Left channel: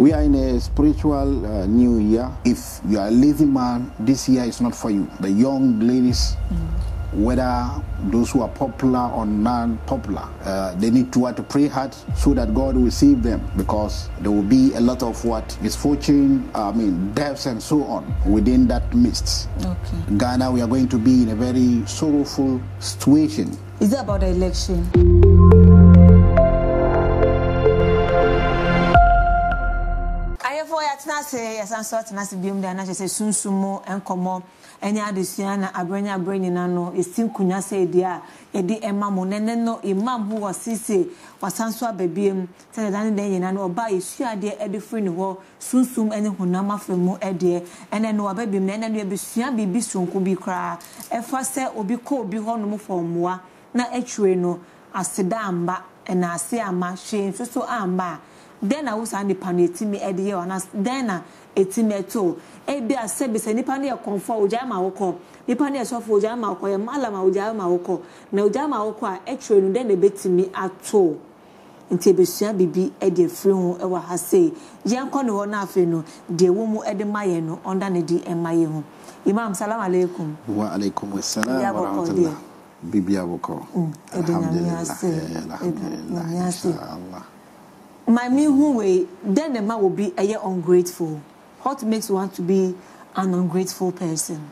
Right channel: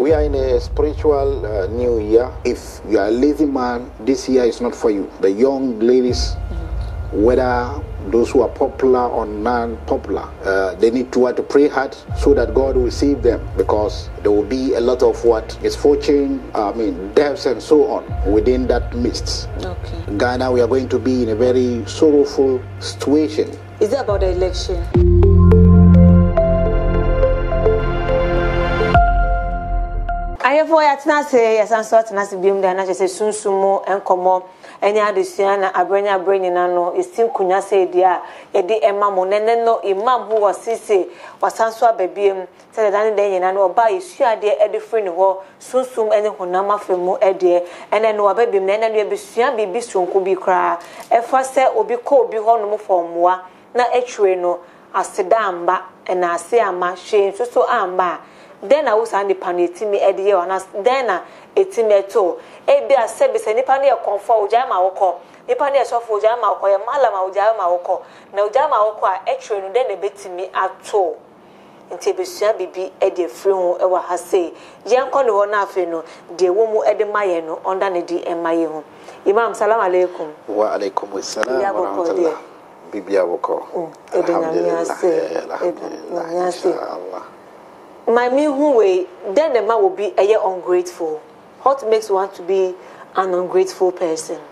We are in a spiritual new year. If you are a lazy man, this year is not for you. The young ladies, whether those who are popular or non-popular, they need to pray hard so that God will save them, because there will be a lot of misfortune, deaths and so on within that midst. Okay. Ghana, we are going to be in a very sorrowful situation. Is it about the election? Ayefo say yes, and sort na se biom da na say sunsumo enkomo enya adesua na abranya abranyina no estim kunya say dia e de emamo nene no imam who was sisi wasanso ababiem say dan de nyina no oba esua de e de free ne ho sunsum ene honam afemu e de ene no ababiem na ene no ebesua bibi sonko bi kra e fa se obi ko obi ho no mo formoa na etwe no aseda amba na ase ama hwe so amba. Then I was on the panetimi edie on us. Then etimeto. Ebi a sebi se nipa ne konfo ujama woko. Nipa ne sofo ujama woko. Malama ujama woko. Na ujama woko a etwe no den ebetimi ato. Nti ebesua bibi edie free ho e wa ha sei. Yenko ne ho na afi no de wo mu ede maye no onda ne di emaye ho. Imam, salam alaikum. Wa alaikum assalam wa rahmatullah. Bibi woko. Alhamdulillah. My who way, then the man will be a year ungrateful. What makes you want to be an ungrateful person?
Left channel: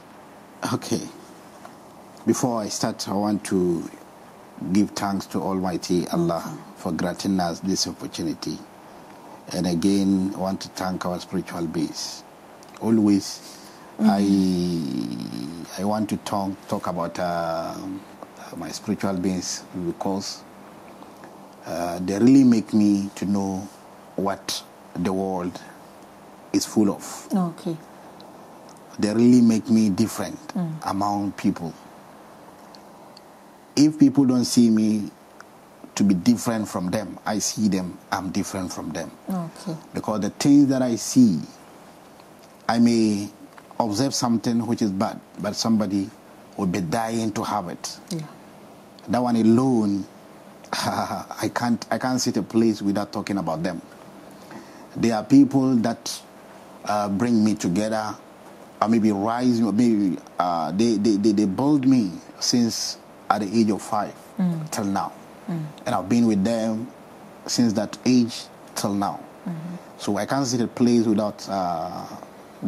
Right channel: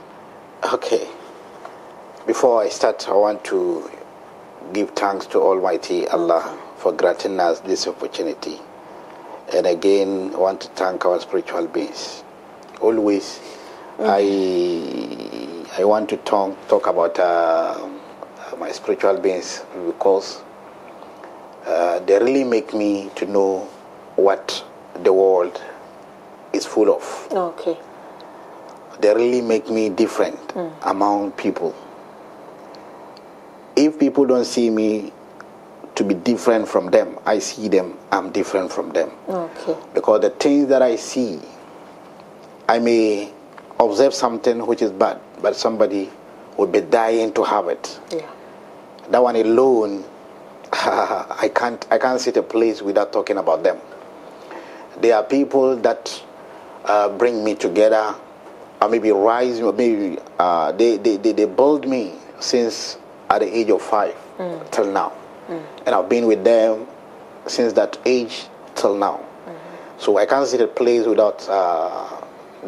Okay. Before I start, I want to give thanks to Almighty Allah for granting us this opportunity. And again, I want to thank our spiritual beings. Always, I want to talk about my spiritual beings, because they really make me to know what the world is full of. Okay. They really make me different among people. If people don't see me to be different from them, I see them, I'm different from them. Okay. Because the things that I see, I may observe something which is bad, but somebody would be dying to have it. Yeah. That one alone, I can't sit a place without talking about them. There are people that bring me together, or maybe rise, maybe they build me since at the age of 5 till now, and I've been with them since that age till now. So I can't sit a place without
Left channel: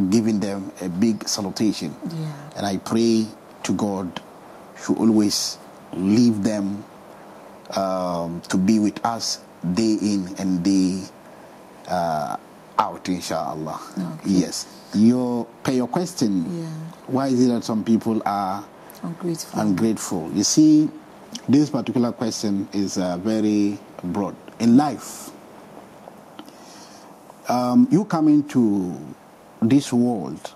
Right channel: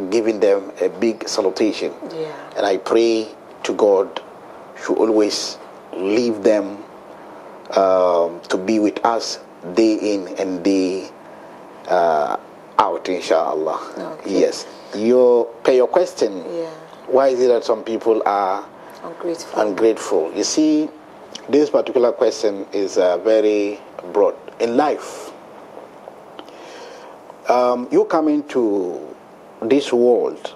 giving them a big salutation. Yeah. And I pray to God to always leave them to be with us day in and day out, inshallah. Okay. Yes. Your question. Yeah. Why is it that some people are ungrateful? You see, this particular question is very broad. In life, you come into this world,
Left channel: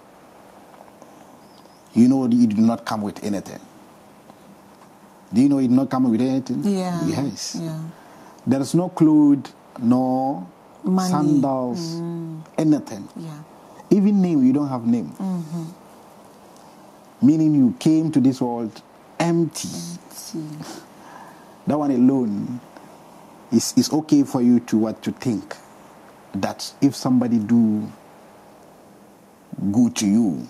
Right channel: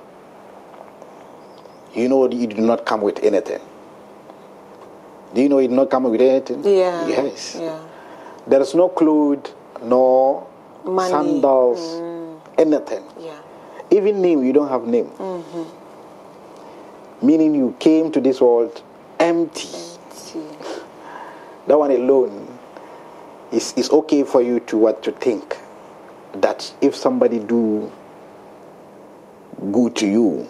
you know you do not come with anything. Do you know it not come with anything? Yeah. Yes. Yeah. There is no clothes, no money, sandals, anything. Yeah. Even name, you don't have name. Meaning you came to this world empty. That one alone is okay for you to think that if somebody do good to you,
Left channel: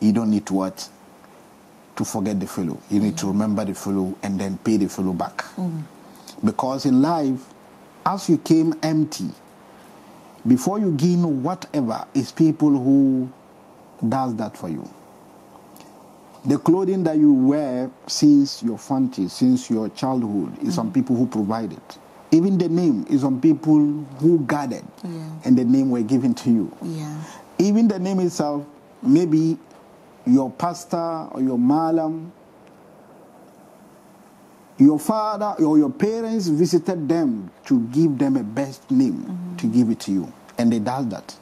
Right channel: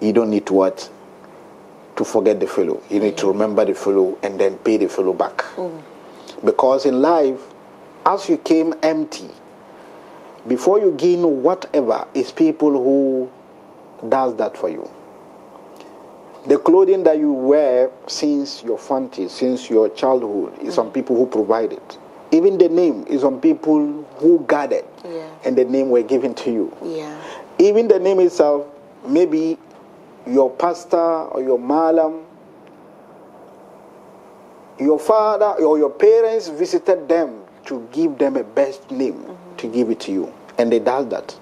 you don't need to forget the fellow. You need to remember the fellow and then pay the fellow back. Because in life, as you came empty, before you gain whatever, is people who does that for you. The clothing that you wear since your infancy, since your childhood, is some people who provide it. Even the name is some people who guarded, and the name were given to you. Yeah. Even the name itself, maybe your pastor or your malam, your father or your parents visited them to give them a best name, to give it to you. And they does that.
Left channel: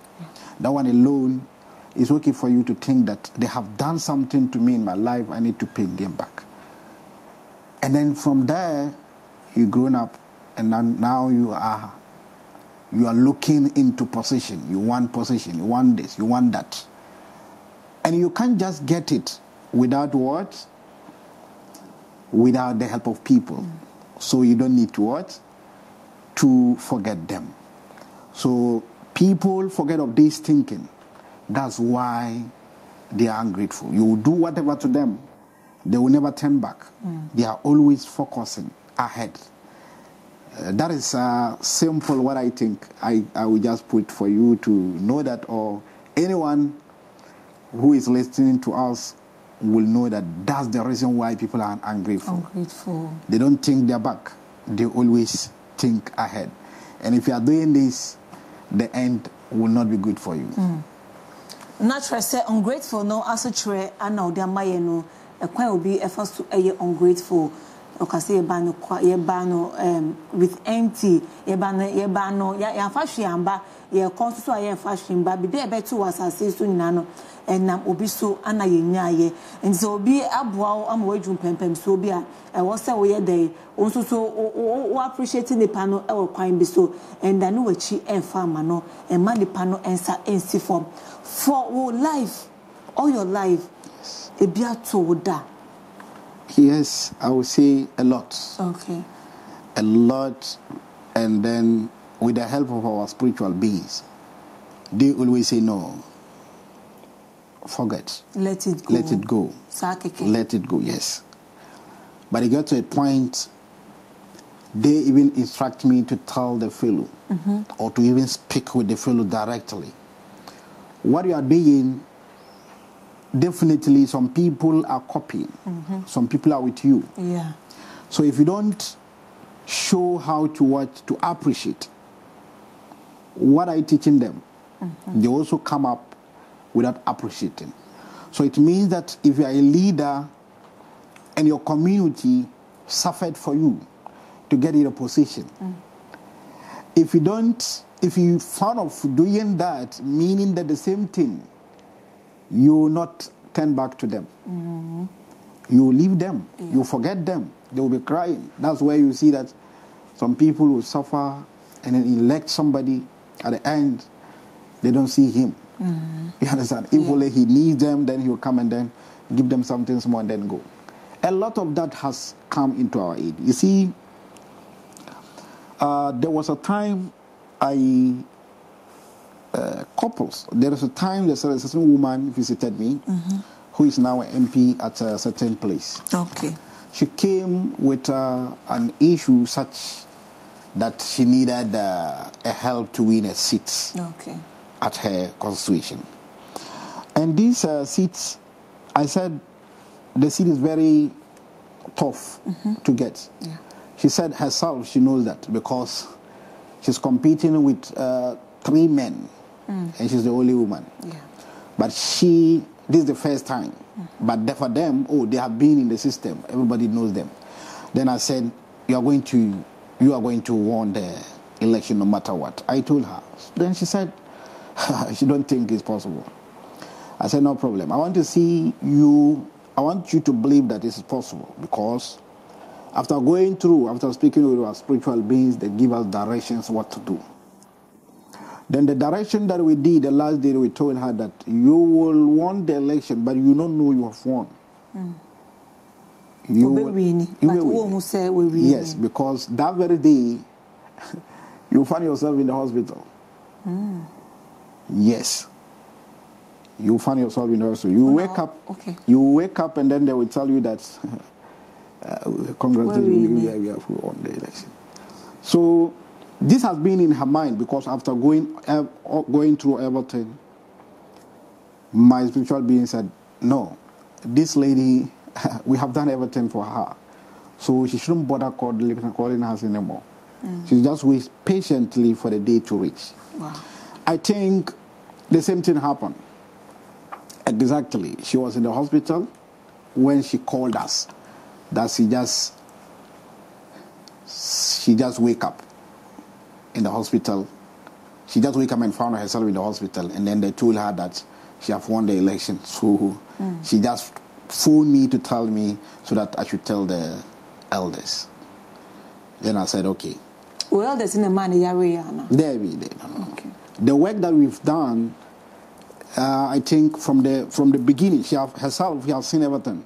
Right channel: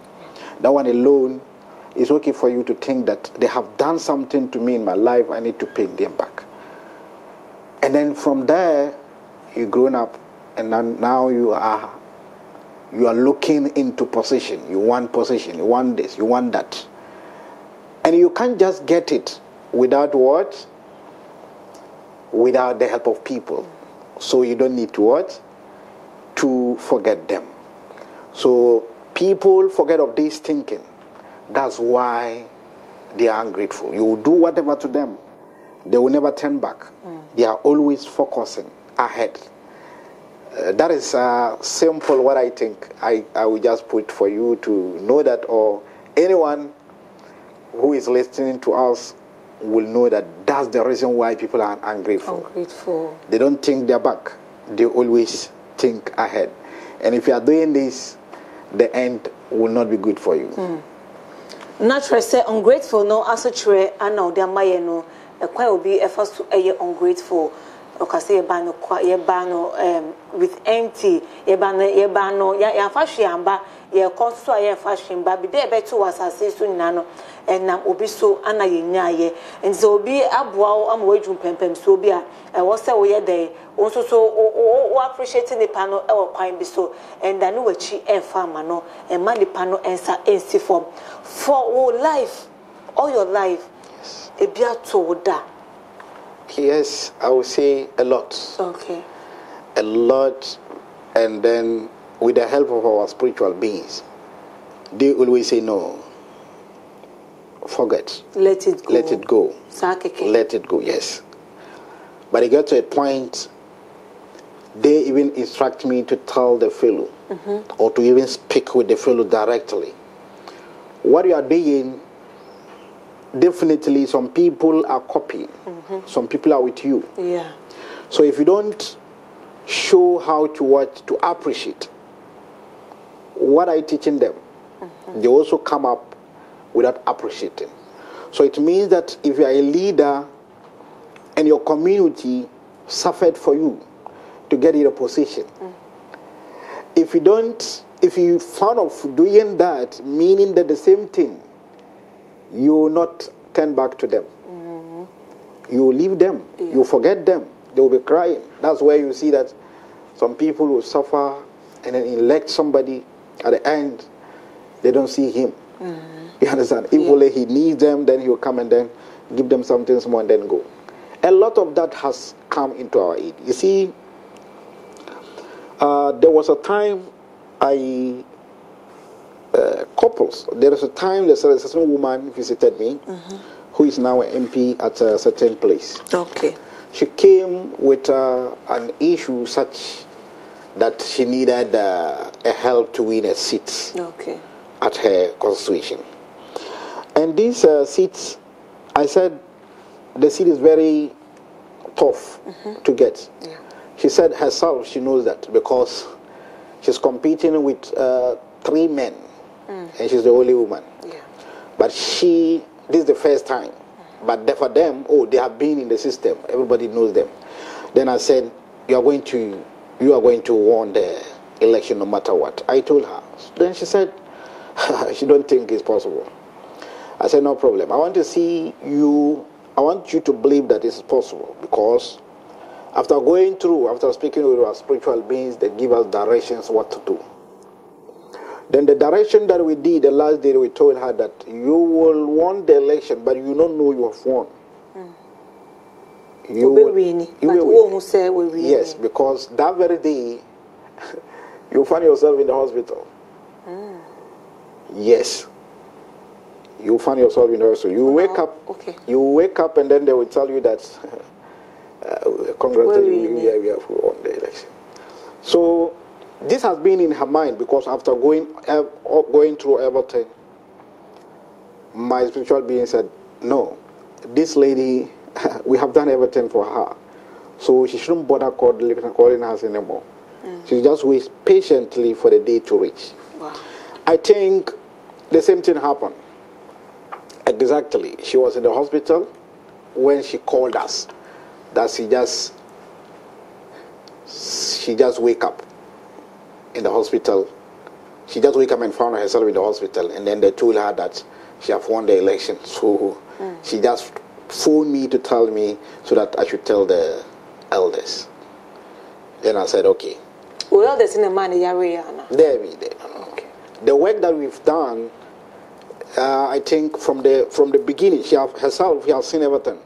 That one alone is okay for you to think that they have done something to me in my life, I need to pay them back. And then from there, you've grown up, and now you are looking into position. You want position, you want this, you want that. And you can't just get it without what? Without the help of people. So you don't need to what? To forget them. So People forget of this thinking. That's why they are ungrateful. You will do whatever to them. They will never turn back. They are always focusing ahead. That is simple what I think I will just put for you to know that, or anyone who is listening to us will know that that's the reason why people are ungrateful. They don't think they're back. They always think ahead. And if you are doing this, the end will not be good for you. Naturally, say ungrateful no also try and now they are no a quite will be efforts to a ungrateful. Okase ye ba no with empty ye ba no ya fashion amba ye konso ye fashion ba bi be to asase so nyina no enam obi so ana ye nyaaye nti obi aboa am wadwum pempem so obi a wo se wo ye dey onso so o appreciate nipa no e wo kwan bi so enda no wachi emfa ma no e ma nipa no ensa ensi form for all life, all your life. Yes. E bia to da. Yes, I would say a lot. Okay. A lot, and then with the help of our spiritual beings, they always say no. Forget. Let it go. Let it go. Sakeke. Let it go, yes. But it got to a point, they even instruct me to tell the fellow, or to even speak with the fellow directly. What you are doing, definitely some people are copying. Some people are with you. Yeah. So if you don't show how to appreciate what I'm teaching them, they also come up without appreciating. So it means that if you are a leader and your community suffered for you to get in a position, if you found of doing that, meaning that the same thing, you will not turn back to them. You will leave them. You will forget them. They will be crying. That's where you see that some people will suffer and then elect somebody. At the end, they don't see him. You understand? If only he needs them, then he will come and then give them something small and then go. A lot of that has come into our aid. You see, there was a time couples. There is a time there's a certain woman visited me, who is now an MP at a certain place. Okay. She came with an issue such that she needed a help to win a seat. Okay. At her constitution. And these seats, I said, the seat is very tough to get. Yeah. She said herself she knows that because she's competing with 3 men, and she's the only woman. Yeah. But this is the first time. But for them, they have been in the system. Everybody knows them. Then I said, you are going to win the election no matter what. I told her. Then she said, she don't think it's possible. I said, no problem. I want to see you. I want you to believe that it's possible, because after speaking with our spiritual beings, they give us directions what to do. Then the direction that we did the last day, we told her that you will win the election, but you don't know you have won. You will win. Yes, because that very day, you find yourself in the hospital. Yes. You find yourself in the hospital. You wake up. Okay. You wake up, and then they will tell you that congratulations, we have won the election. So this has been in her mind, because after going through everything, my spiritual being said, no, this lady, we have done everything for her, so she shouldn't bother calling us anymore. She just waits patiently for the day to reach. Wow. I think the same thing happened. Exactly. She was in the hospital when she called us. That she just wake up in the hospital. She just wake up and found herself in the hospital, and then they told her that she have won the election. So she just phoned me to tell me so that I should tell the elders. Then I said, okay. Well, elders in the man area now. There. Okay. The work that we've done, I think from the beginning, she has seen everything.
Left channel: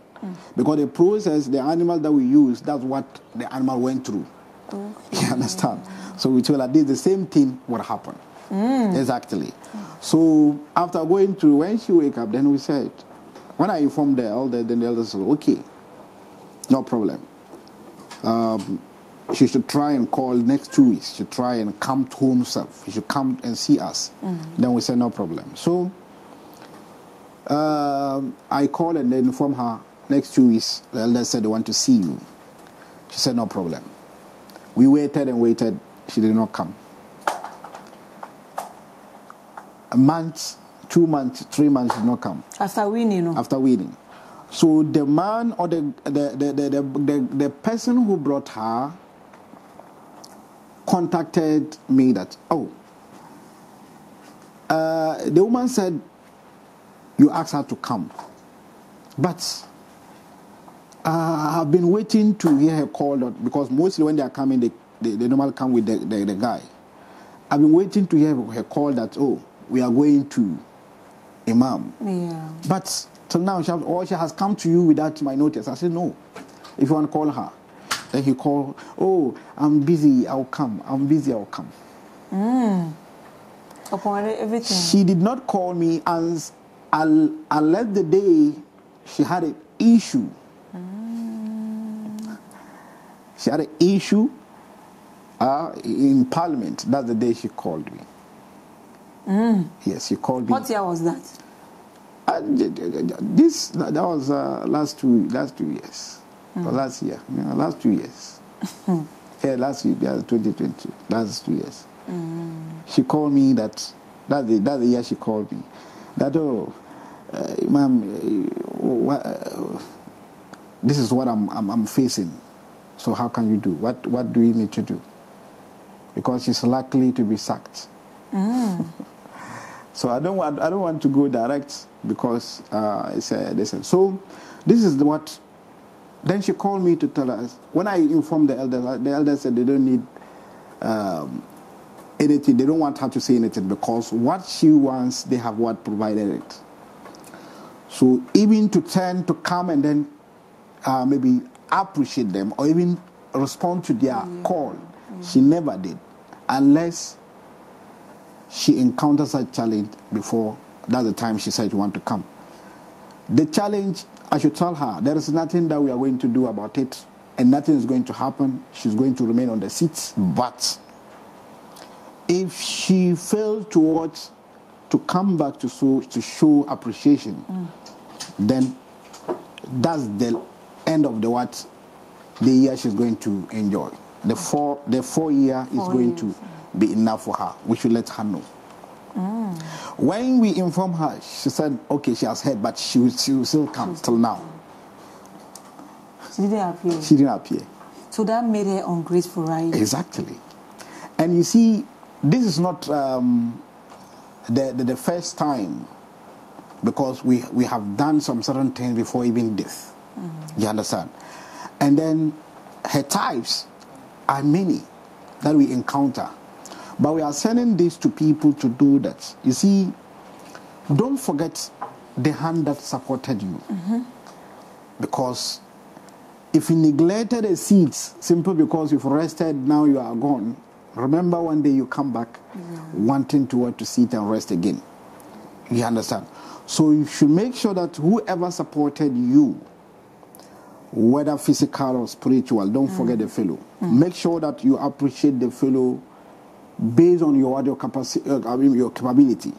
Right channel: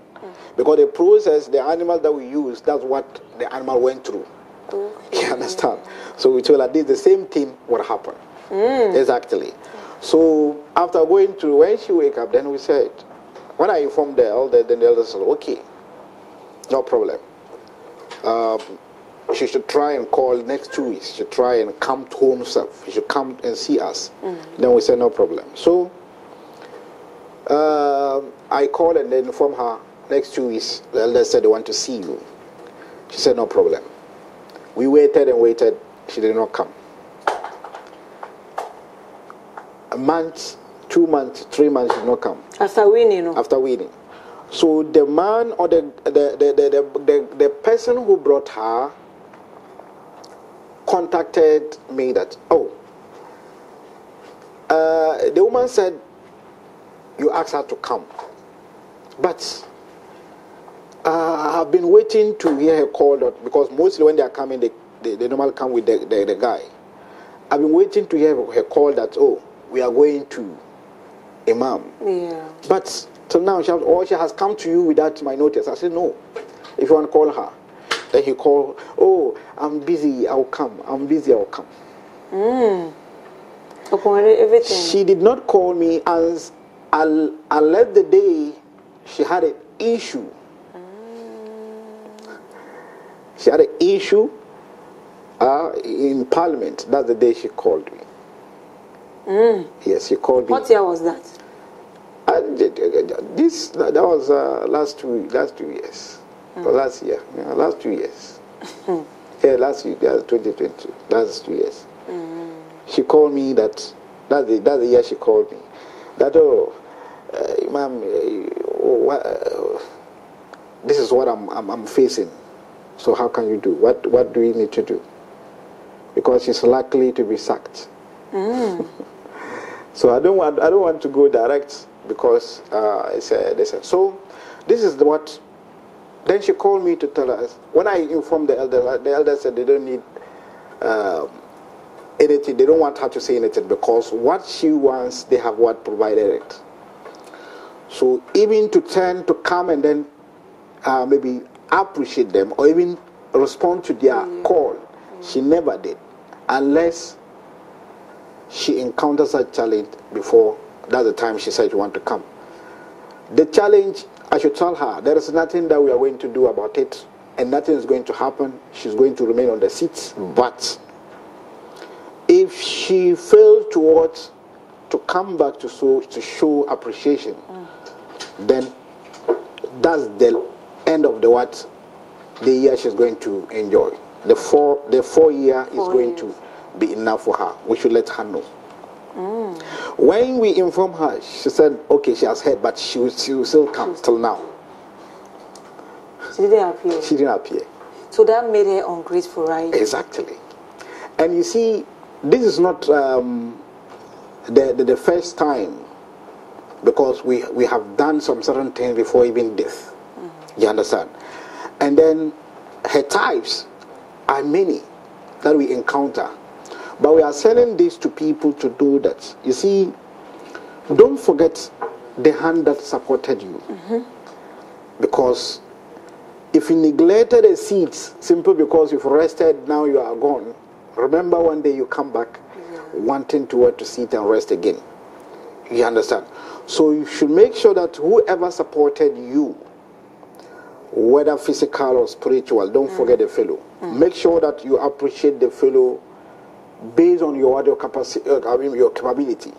Because the process, the animal that we use, that's what the animal went through. Okay. You understand? So we told her this, the same thing would happen. Exactly. So after going to, when she wake up, then we said, when I informed the elder, then the elder said, okay, no problem. She should try and call next 2 weeks. She should try and come home herself. She should come and see us. Then we said, no problem. So I called and then informed her, next 2 weeks, the elder said they want to see you. She said, no problem. We waited and waited. She did not come. A month, 2 months, 3 months, she did not come. After winning? After winning. So the man or the person who brought her contacted me that, the woman said, you asked her to come. But I've been waiting to hear her call, because mostly when they are coming, they normally come with the guy. I've been waiting to hear her call that, we are going to Imam. Yeah. But till now, she has come to you without my notice. I said, no. If you want to call her. Then he called, I'm busy, I'll come. I'm busy, I'll come. Upon everything. She did not call me unless the day she had an issue. She had an issue in Parliament. That's the day she called me. Yes, she called me. What year was that? That was last 2 years. Last year. Yeah, last 2 years. Last year, 2020. That's 2 years. She called me that's the year she called me. That, Imam, this is what I'm facing. So how can you do? What do we need to do? Because she's likely to be sacked. So I don't want to go direct, because so this is what. Then she called me to tell us. When I informed the elder said they don't need anything. They don't want her to say anything, because what she wants, they have what provided it. So even to come and then maybe appreciate them or even respond to their call, she never did, unless she encounters a challenge before. That's the time she said she want to come. The challenge, I should tell her, there is nothing that we are going to do about it, and nothing is going to happen. She's going to remain on the seat. But if she fails to come back to show appreciation, then that's the end of the year she's going to enjoy. The 4 year is going to be enough for her. We should let her know. When we inform her, she said, okay, she has heard, but she will still come till now. She didn't appear. She didn't appear. So that made her ungrateful, right? Exactly. And you see, this is not the first time, because we have done some certain things before even death. You understand? And then her types are many that we encounter. But we are sending this to people to do that. You see, don't forget the hand that supported you. Because if you neglected the seeds simply because you've rested, now you are gone, remember one day you come back wanting to sit and rest again. You understand? So you should make sure that whoever supported you, whether physical or spiritual, don't forget the fellow. Make sure that you appreciate the fellow based on your capacity, your capability.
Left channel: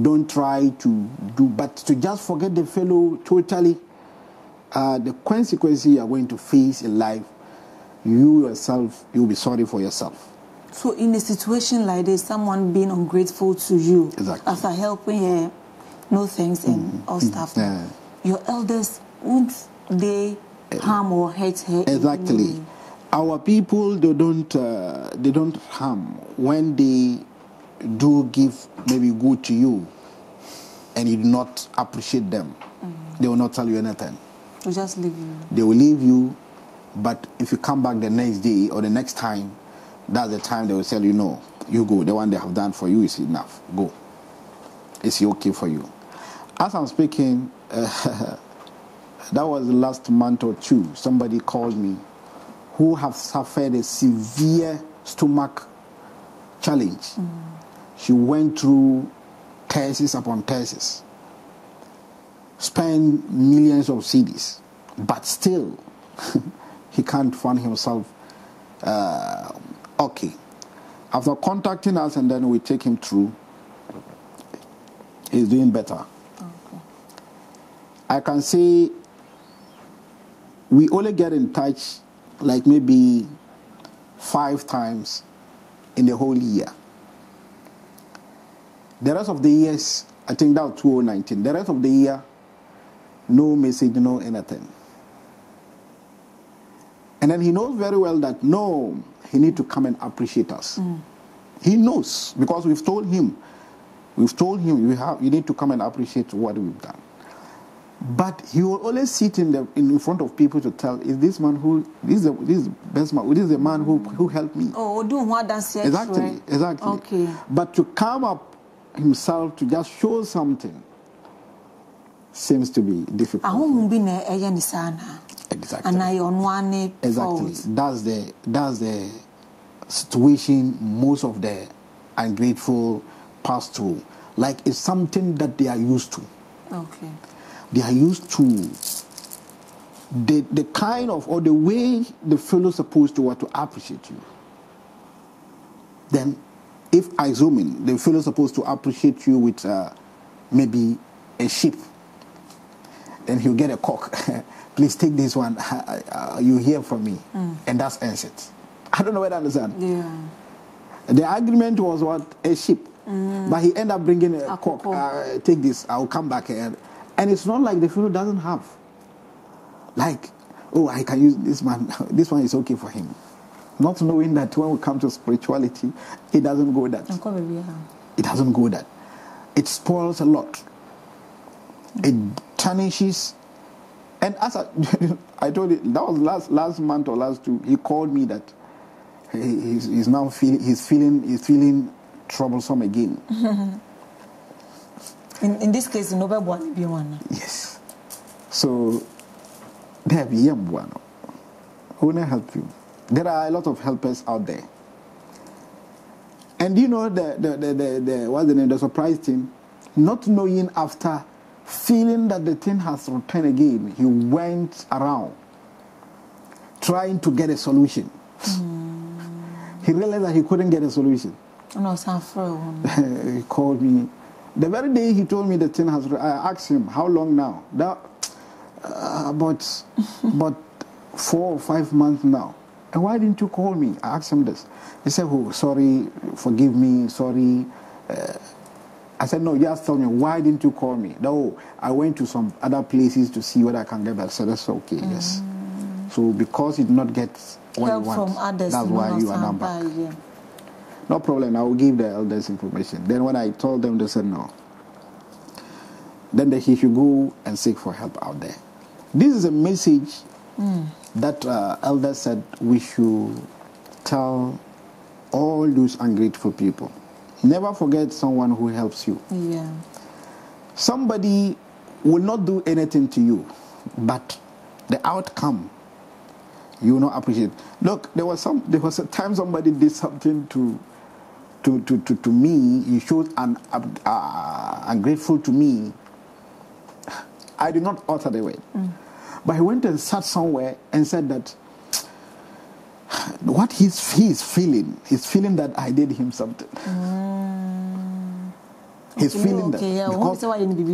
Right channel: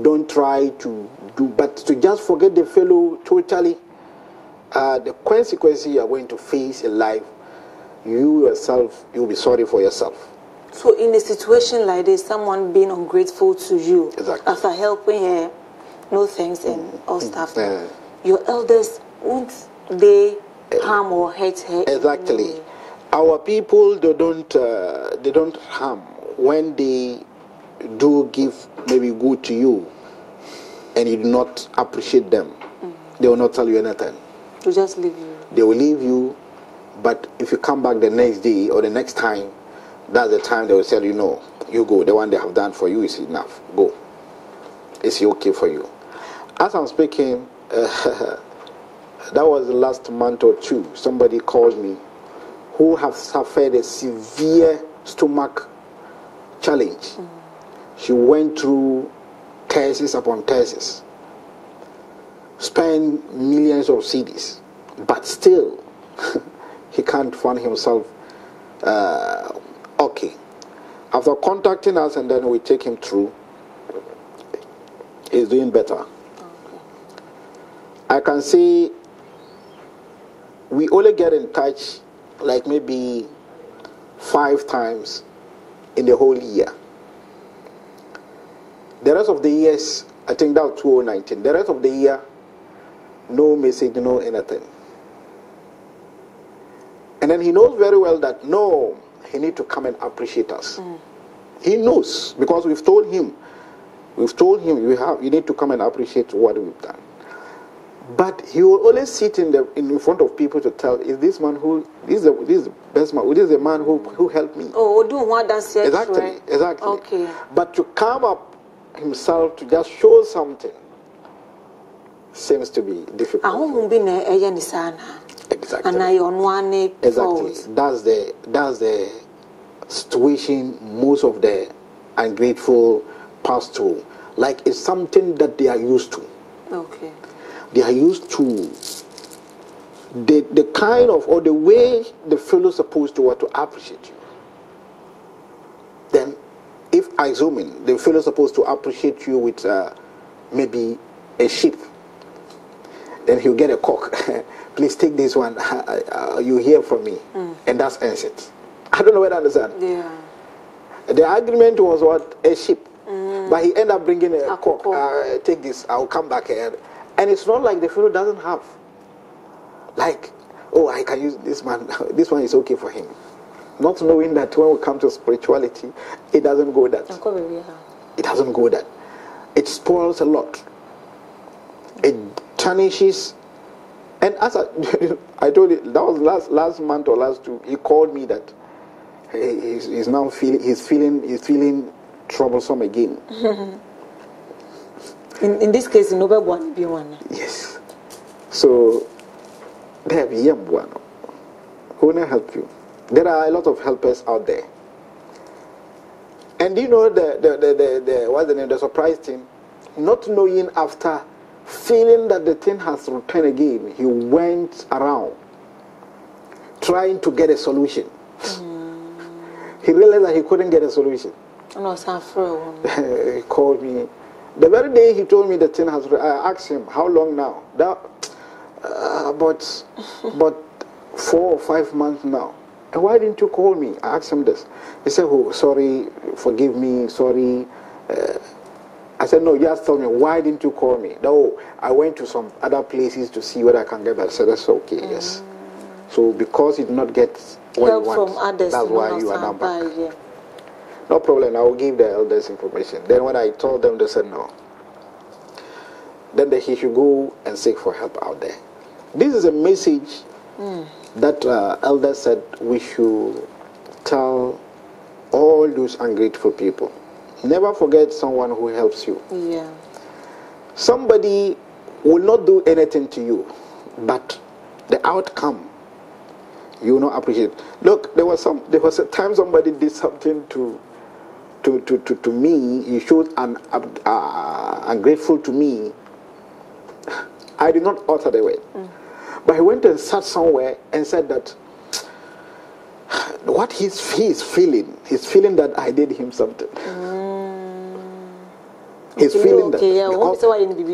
Don't try to do, but to just forget the fellow totally. The consequences you are going to face in life, you yourself, you'll be sorry for yourself. So in a situation like this, someone being ungrateful to you, after helping her, no thanks and all stuff, your elders, won't they harm or hurt her? Exactly. Our people, they don't harm. When they do give maybe good to you and you do not appreciate them, they will not tell you anything. To just leave you. They will leave you, but if you come back the next day or the next time, that's the time they will tell you, no, you go. The one they have done for you is enough. Go. It's okay for you. As I'm speaking, that was the last month or two. Somebody called me who have suffered a severe stomach challenge. She went through thesis upon thesis, spent millions of cedis, but still he can't find himself okay. After contacting us and then we take him through, he's doing better. Okay. I can say we only get in touch like maybe 5 times in the whole year. The rest of the years, I think that was 2019. The rest of the year, no message, no anything. And then he knows very well that no, he need to come and appreciate us. He knows because we've told him you need to come and appreciate what we've done. But he will always sit in front of people to tell, is this man who this is the best man, this is the man who helped me. Oh, do what that's exactly. Okay. But to come up himself to just show something seems to be difficult. Exactly. Exactly. That's the situation most of the ungrateful pass through. Like it's something that they are used to. Okay. They are used to the kind of or the way the fellow is supposed to appreciate you. Then, if I zoom in, the fellow is supposed to appreciate you with maybe a sheep. Then he'll get a cock. Please take this one. You hear from me, and that's ends it. I don't know whether I understand. Yeah. The agreement was what? A sheep, but he ended up bringing a cock. Take this. I'll come back here. And it's not like the fellow doesn't have. Like, oh, I can use this man. This one is okay for him. Not knowing that when we come to spirituality, it doesn't go that. It doesn't go that. It spoils a lot. It tarnishes. And as I told you, that was last month or last 2. He called me that he's now feeling troublesome again. In this case, nobody want to be one. Yes. So there be young one who will help you. There are a lot of helpers out there. And you know what's the name? The surprise thing, not knowing after feeling that the thing has returned again, he went around trying to get a solution. He realized that he couldn't get a solution. He called me. The very day he told me the thing has, I asked him, how long now? About 4 or 5 months now. And why didn't you call me? I asked him this. He said, oh, sorry, forgive me, sorry. I said, no, just tell me, why didn't you call me? No, I went to some other places to see what I can get. I said, that's okay, yes. So because you did not get what you want, from others, that's why you are now back. Yeah. No problem, I will give the elders information. Then when I told them, they said no. Then he should go and seek for help out there. This is a message that elders said we should tell all those ungrateful people. Never forget someone who helps you. Yeah. Somebody will not do anything to you, but the outcome you will not appreciate. Look, there was a time somebody did something to me. He showed ungrateful to me. I did not utter the word, but he went and sat somewhere and said that what he's feeling that I did him something. He's feeling that because,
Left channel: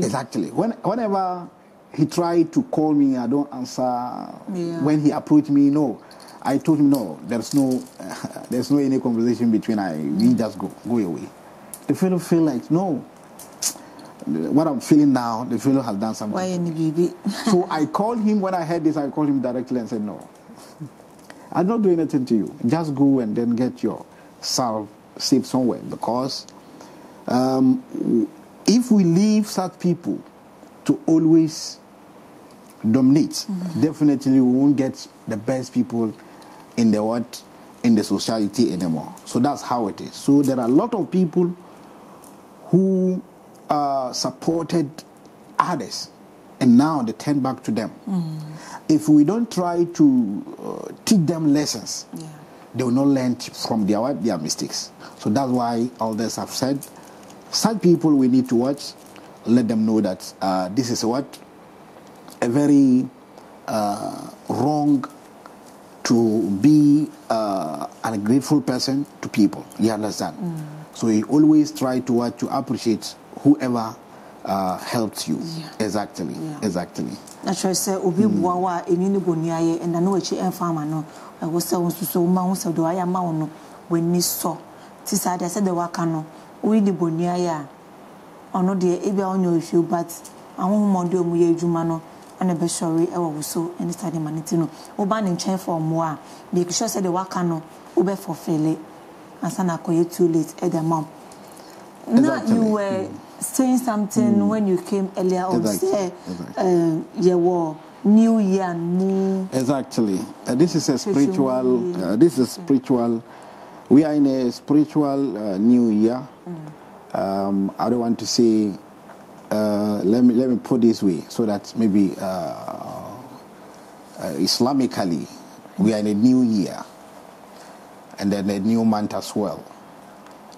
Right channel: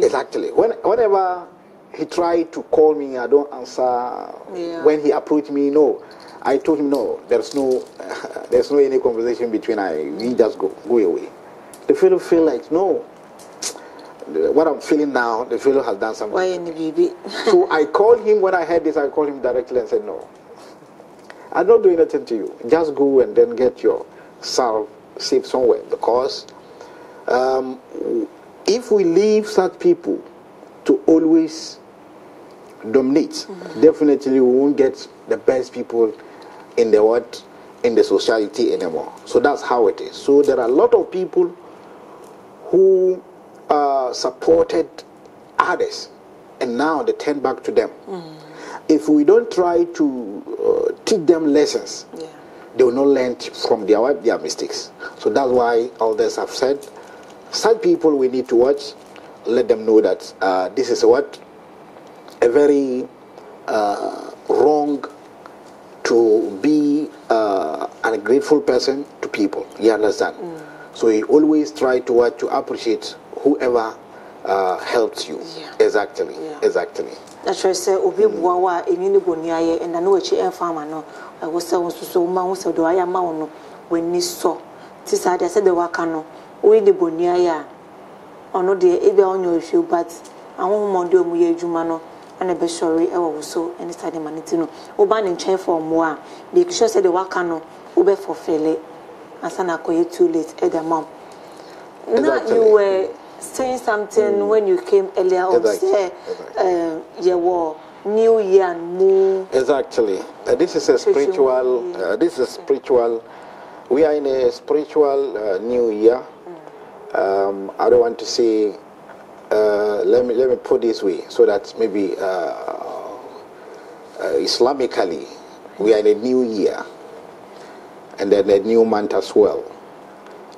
exactly. Whenever he tried to call me, I don't answer. Yeah. When he approached me, no. I told him no. There's no any conversation between us. We just go away. The fellow feel like no. What I'm feeling now, the fellow has done something. Why any baby? So I called him when I heard this. I called him directly and said no. I'm not doing anything to you. Just go and then get yourself safe somewhere. Because if we leave such people to always dominate, definitely we won't get the best people in the society anymore. So that's how it is. So there are a lot of people who supported others, and now they turn back to them. If we don't try to teach them lessons, they will not learn from their mistakes. So that's why elders have said, such people we need to watch, let them know that this is what a very wrong to be an ungrateful person to people. You understand? So you always try to appreciate whoever helps you. Yeah. Exactly. Yeah. Exactly. That's why I say obi buawa enini boniaye and I know echi enfama no I was so ma wo se do aya ma wo no wani so ti sa de se de waka no we de boniaye ono de ebe onyo ehwe but ahonhom de omu ye adwuma no ana be sori e wo so any study maniti no wo ba ne nchen for mo a be sure say de waka no wo be fulfill asana koye too late e the mom. Now you were saying something when you came earlier on. Say, New Year and Moon. Exactly. This is a spiritual. This is spiritual. We are in a spiritual New Year. I don't want to say. Let me put this way so that maybe Islamically we are in a new year, and then a new month as well.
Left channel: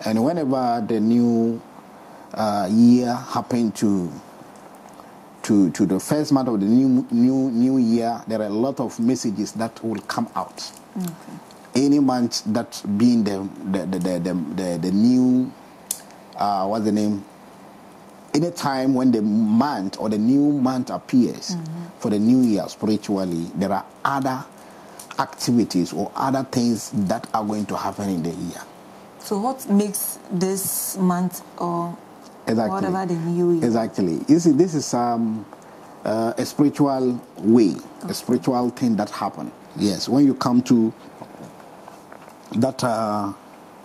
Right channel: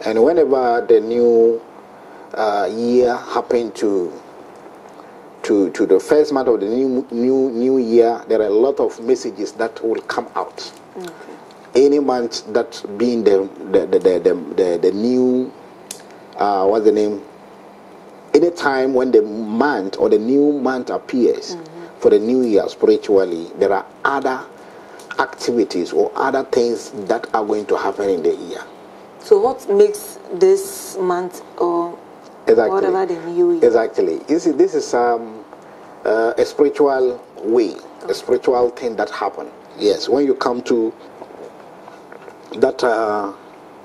And whenever the new year happened to the first month of the new year, there are a lot of messages that will come out. Okay. Any month that being the new what's the name? Any time when the month or the new month appears for the new year spiritually, there are other activities or other things that are going to happen in the year. So what makes this month or whatever the new year? Exactly. You see, this is a spiritual way, a spiritual thing that happened. Yes, when you come to that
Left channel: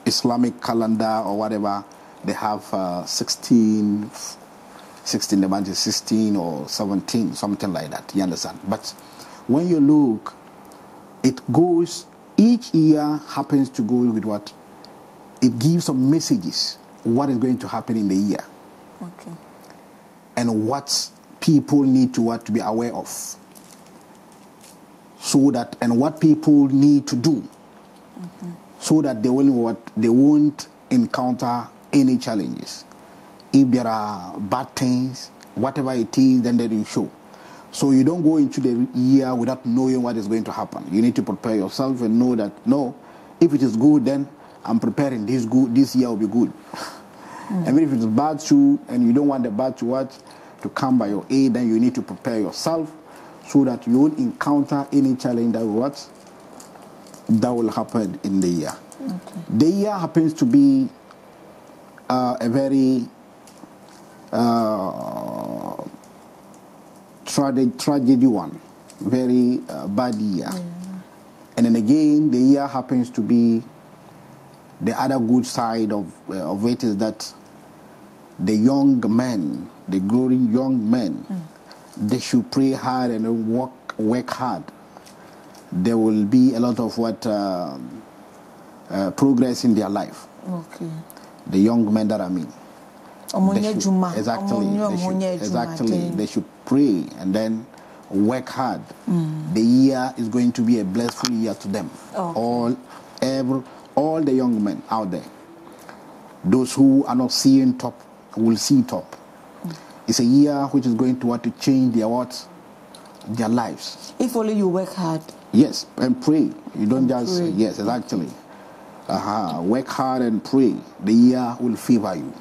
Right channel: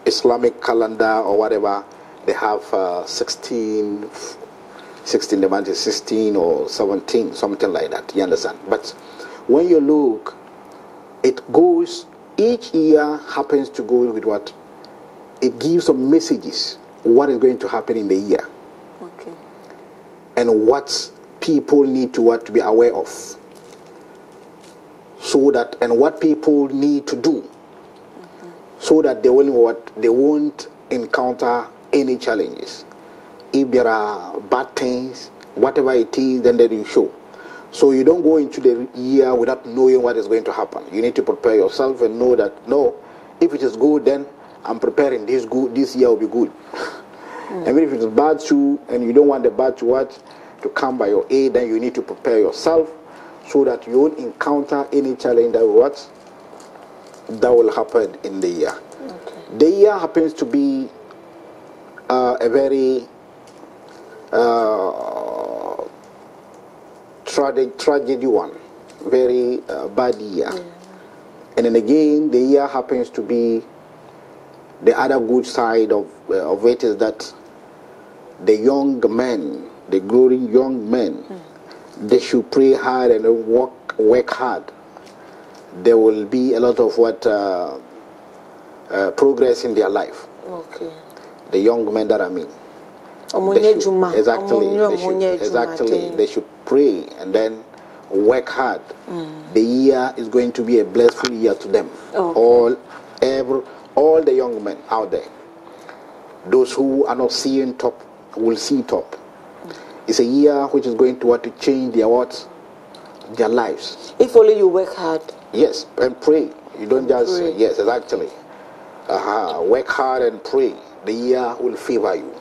Islamic calendar or whatever, they have 16, the month is 16 or 17, something like that. You understand? But when you look, it goes, each year happens to go with what? It gives some messages, what is going to happen in the year. Okay. And what people need to be aware of. So that, and what people need to do. So that they won't encounter any challenges. If there are bad things, whatever it is, then they will show. So you don't go into the year without knowing what is going to happen. You need to prepare yourself and know that, no, if it is good, then I'm preparing this year will be good. And if it is bad too, and you don't want the bad to come by your aid, then you need to prepare yourself so that you won't encounter any challenge that will happen in the year. Okay. The year happens to be a very tragedy one, very bad year. And then again, the year happens to be the other good side of it is that the young men, the growing young men, they should pray hard and work hard. There will be a lot of progress in their life. Okay. The young men that I mean. Exactly. They should pray and then work hard. The year is going to be a blessed year to them. Okay. All the young men out there. Those who are not seeing top will see top. It's a year which is going to change their lives. If only you work hard. Yes, and pray. You don't just pray. Yes, exactly. Work hard and pray. The year will favor you.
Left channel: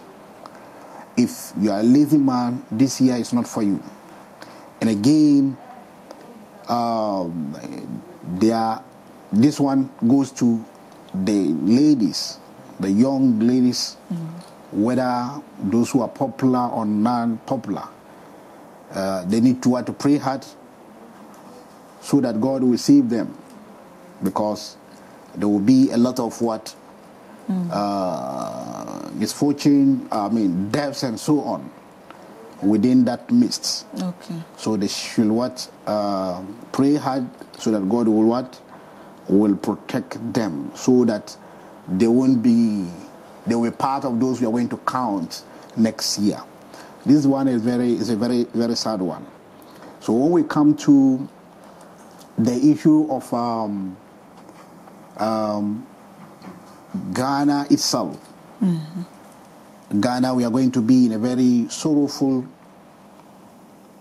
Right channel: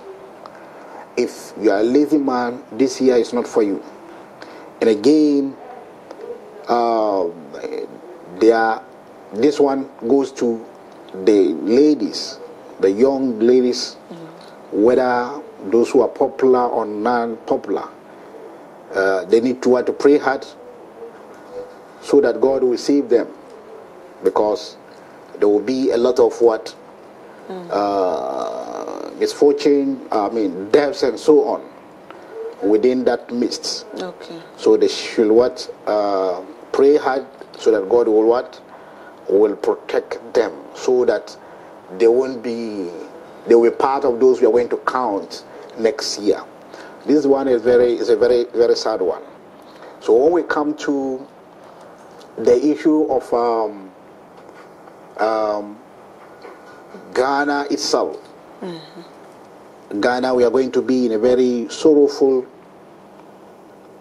If you are a lazy man, this year is not for you. And again, this one goes to the ladies, the young ladies, whether those who are popular or non-popular. They need to pray hard so that God will save them, because there will be a lot of misfortune, deaths and so on within that midst. Okay. So they should pray hard so that God will protect them, so that they will be part of those we are going to count next year. This one is a very, very sad one. So when we come to the issue of Ghana itself. Ghana, we are going to be in a very sorrowful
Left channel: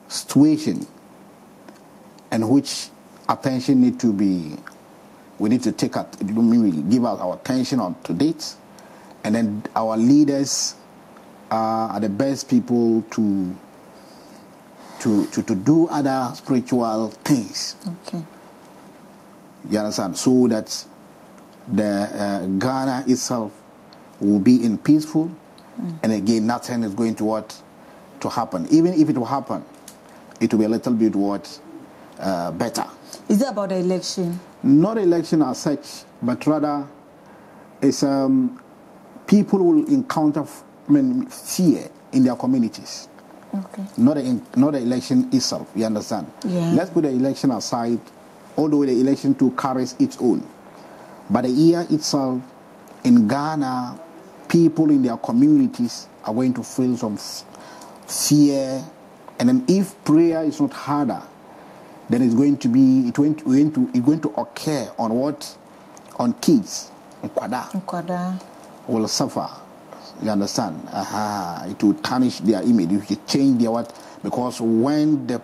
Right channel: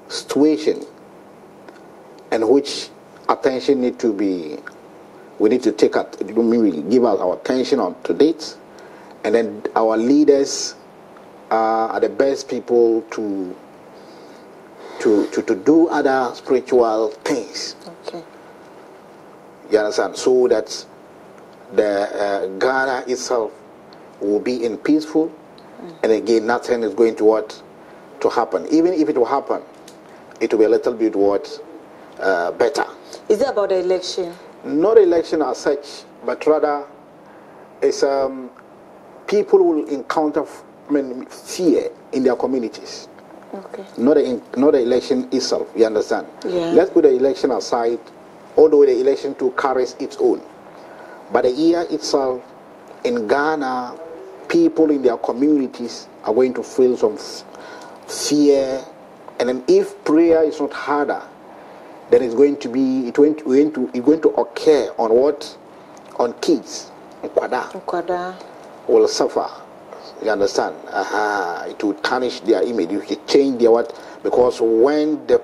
situation in which attention need to be, we need to take it, give us our attention on to date, and then our leaders are the best people to do other spiritual things. Okay. You understand? So that the Ghana itself will be in peaceful, and again, nothing is going to happen. Even if it will happen, it will be a little bit better. Is it about the election? Not election as such, but rather it's people will encounter fear in their communities. Okay. Not the election itself. You understand? Yeah. Let's put the election aside, although the election too carries its own. But the year itself, in Ghana, people in their communities are going to feel some fear, and then if prayer is not harder, then it's going to occur on what? On kids. Nkwada will suffer. You understand? It will tarnish their image. It will change their what? Because when the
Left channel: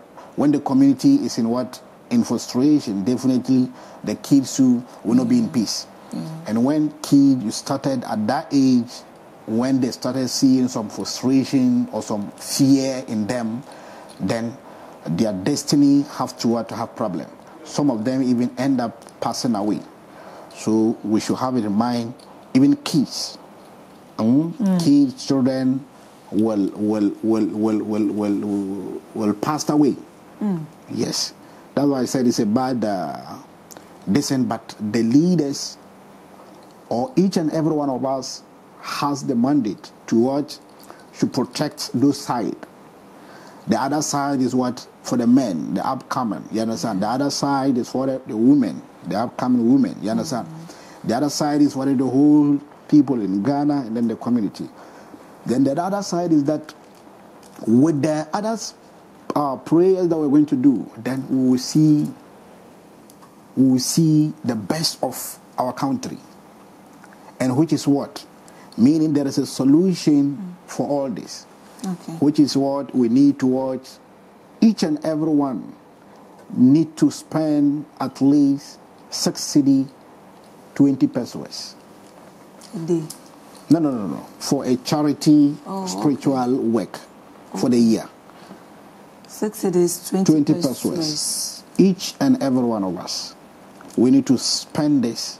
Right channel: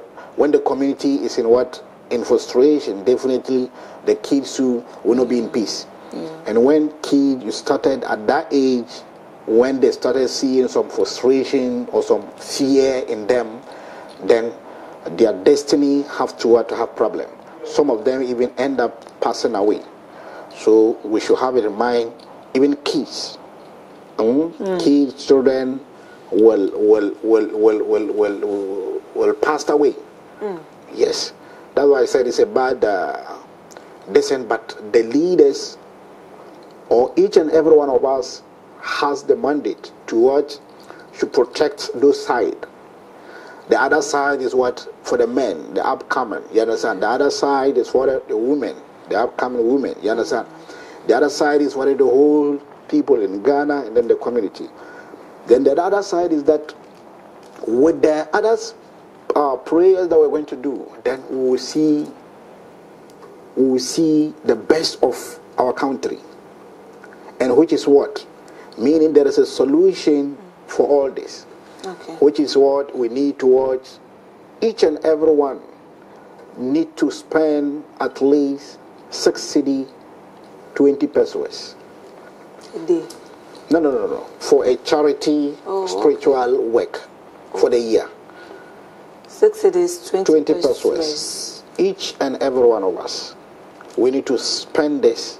community is in frustration, definitely the kids too will not be in peace. Yeah. And when kids you started at that age, when they started seeing some frustration or some fear in them, then their destiny have problem. Some of them even end up passing away. So we should have it in mind. Even kids, kids, children will pass away. Yes, that's why I said it's a bad descent. But the leaders, or each and every one of us, has the mandate to protect those sides. The other side is for the men, the upcoming. You understand? The other side is for the women, the upcoming women. You understand? The other side is for the whole people in Ghana and then the community. Then the other side is that with the others prayers that we're going to do, then we will see the best of our country. And which is what? Meaning there is a solution for all this. Okay. Which is what we need to watch. Each and every one need to spend at least 60, 20 pesos. A day? No. For a charity spiritual work for the year. 60 days, 20 pesos. Each and every one of us. We need to spend this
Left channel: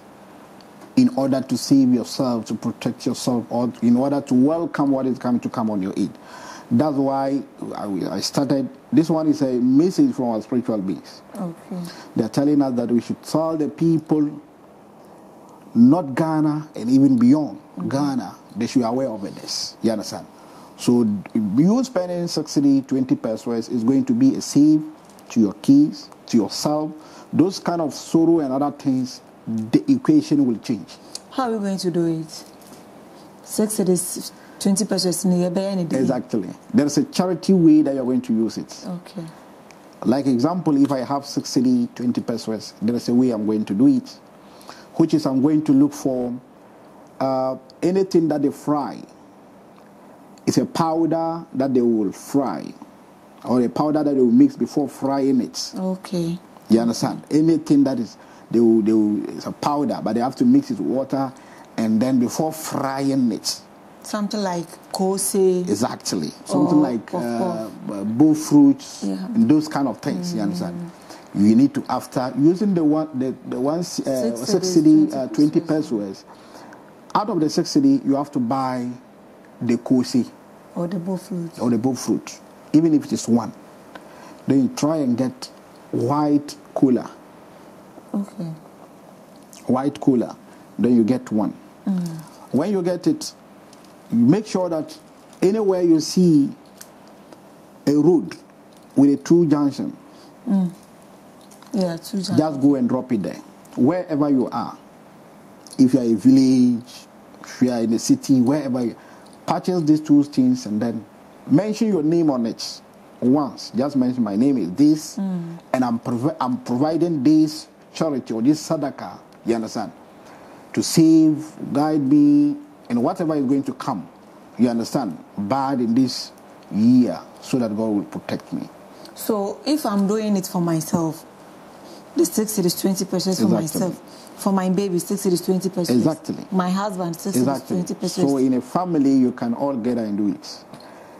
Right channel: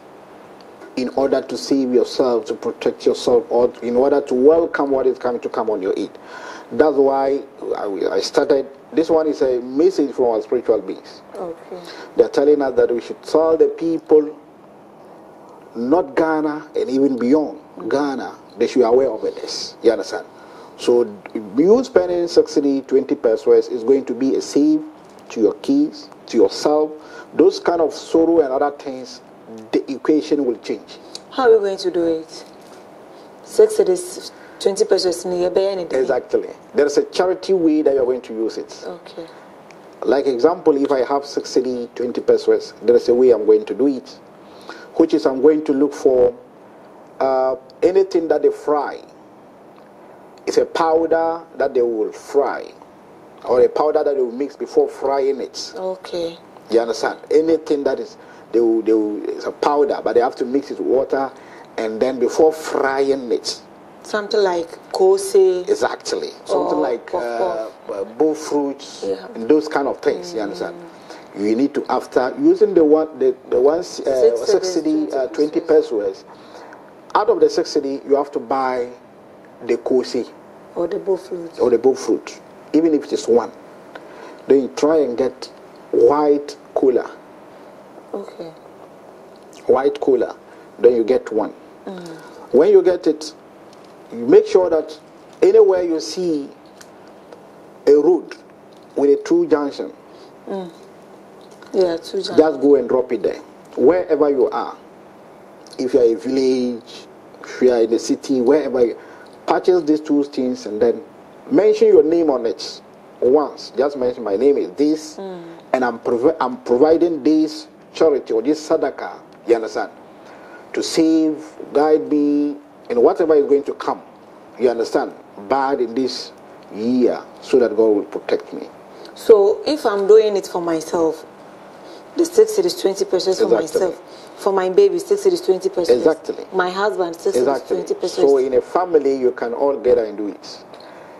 in order to save yourself, to protect yourself, or in order to welcome what is coming to come on your aid. That's why I started. This one is a message from our spiritual beings. Okay. They're telling us that we should tell the people, not Ghana and even beyond Ghana, they should be aware of this. You understand? So you spending 60, 20 pesos is going to be a save to your kids, to yourself. Those kind of sorrow and other things, the equation will change. How are we going to do it? 60 days, 20 pesos in a day. Exactly. There's a charity way that you're going to use it. Okay. Like example, if I have 60, 20 pesos, there's a way I'm going to do it, which is I'm going to look for anything that they fry. It's a powder that they will fry, or a powder that they will mix before frying it. Okay. You understand? Anything that is, it's a powder, but they have to mix it with water, and then before frying it. Something like kose. Exactly. Something like bull fruits, and those kind of things. You understand? You need to, after using the 60, 20 pesos, out of the 60, you have to buy the kose. Or the bull fruit. Or the bull fruit. Even if it is one. Then you try and get white cola. Okay. White cola. Then you get one. When you get it, you make sure that anywhere you see a road with a two junction, yeah, two junction, just go and drop it there. Wherever you are. If you are a village, if you are in a city, wherever you purchase these two things and then mention your name on it once. Just mention my name is this, and I'm providing this charity or this sadaqah. You understand? to save, guide me in whatever is going to come. You understand? Bad in this year, so that God will protect me. So if I'm doing it for myself, the 6 is 20 pesos for myself. For my baby, 6 is 20 pesos. Exactly. My husband, 6 is 20 pesos. So in a family, you can all gather and do it.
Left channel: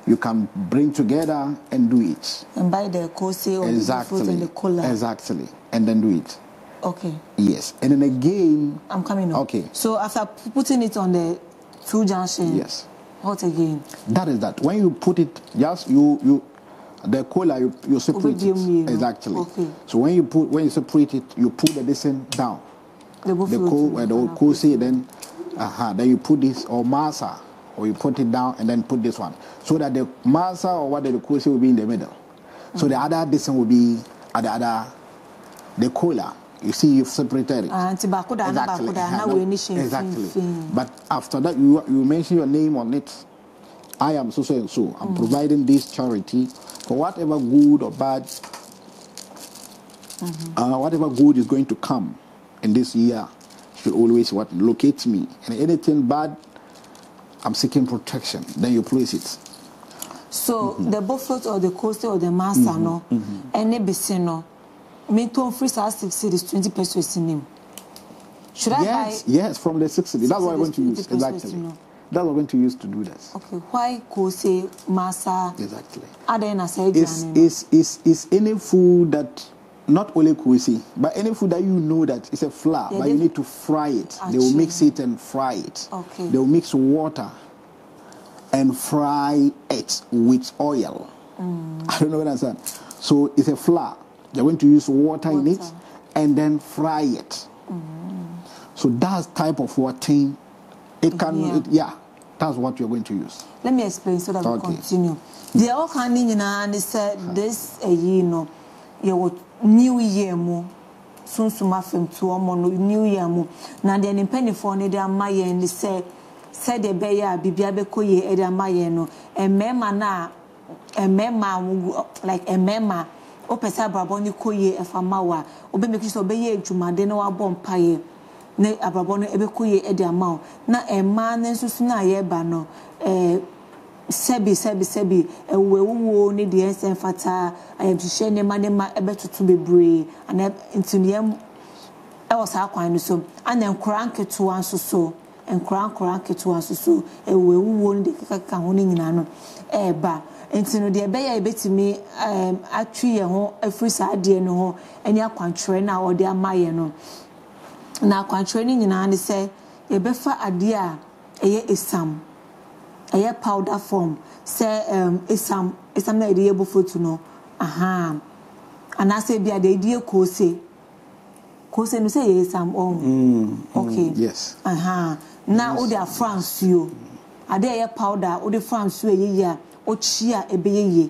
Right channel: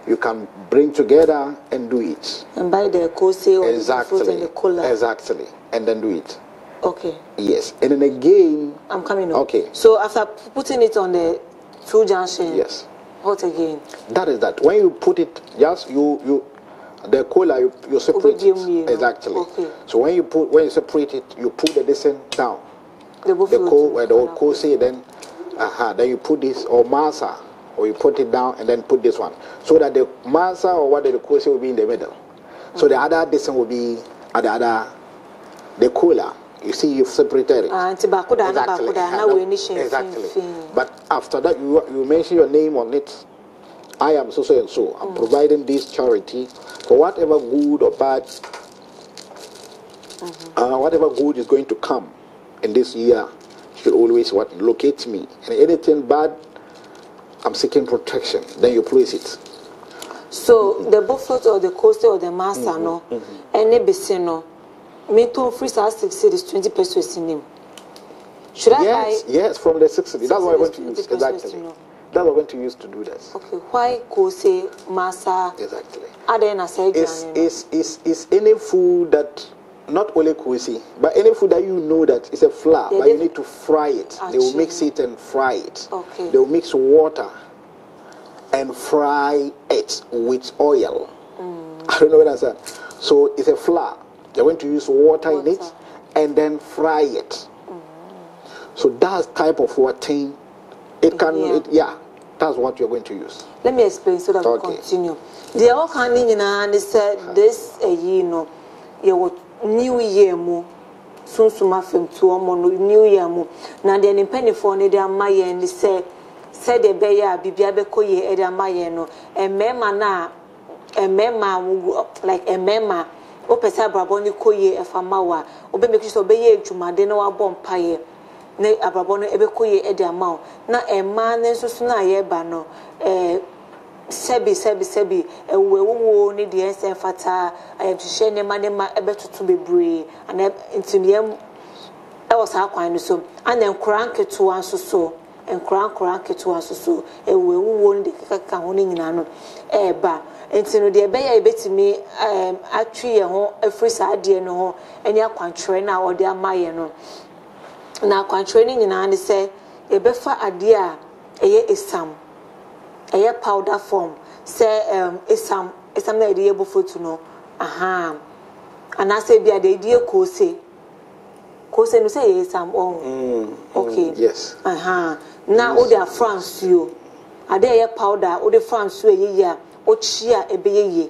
You can bring together and do it. And buy the kose or the fruit and the cola. Exactly. And then do it. Okay. Yes. And then again. I'm coming up. Okay. So after putting it on the 2 junction. Yes. What again? That is that. When you put it, just the cola, you separate it. Exactly. Okay. So when you separate it, you put the distance down. The kose, then you put this, or masa, or you put it down and then put this one, so that the masa or what the kose will be in the middle. So the other distance will be at the cola. You see, you've separated it. Exactly. But after that, you mention your name on it. I am so and so. I'm providing this charity for whatever good or bad, whatever good is going to come in this year should always locate me. And anything bad, I'm seeking protection. Then you place it. So the buffet or the coaster or the master, no, and no. Me to free 6 is 20 pesos in him. Should I buy? Yes, from the 6 city. That's what I want to use. Exactly. That's what I want to use to do this. Okay. Why kose masa? Exactly. It's any food that, not only kose, but any food that you know that is a flour, but you need to fry it. They will mix it and fry it. Okay. They will mix water and fry it with oil. I don't know what I'm saying. So it's a flour. They're going to use water in it and then fry it. So that type of thing, it can, that's what you're going to use. Let me explain so that we continue. They all coming in and they said this you new year mo soon fem to new year mo. Now the penny for ne they my and they said the beya bibia beko ye e dey my no and mema na like a mema o pesa brabo ni koye efama wa obe make sure obeye adwumade na wa bom paye na abrabo no ebe koye e dey ama na ema na nsusu na ye ba no sebi ewewo ni de ensem fata ayemhye ne ma ebe tutu bebre ana ntiniem e was akwan no so ana nkran keto anso so nkran keto anso so ewewo ni de kaka ho ni nyina no eba entino de be ya ebetimi atwi ye ho afri saade no ho eni akwantre na ode amaye no na akwantre ni nyina ne se e befa ade a eye esam eye powder form se esam na ede ebo fotu no ana se bia de ede kose no se ye esam okay yes na ode France yo ade eye powder ode France yo ye ya ochia ebeyeye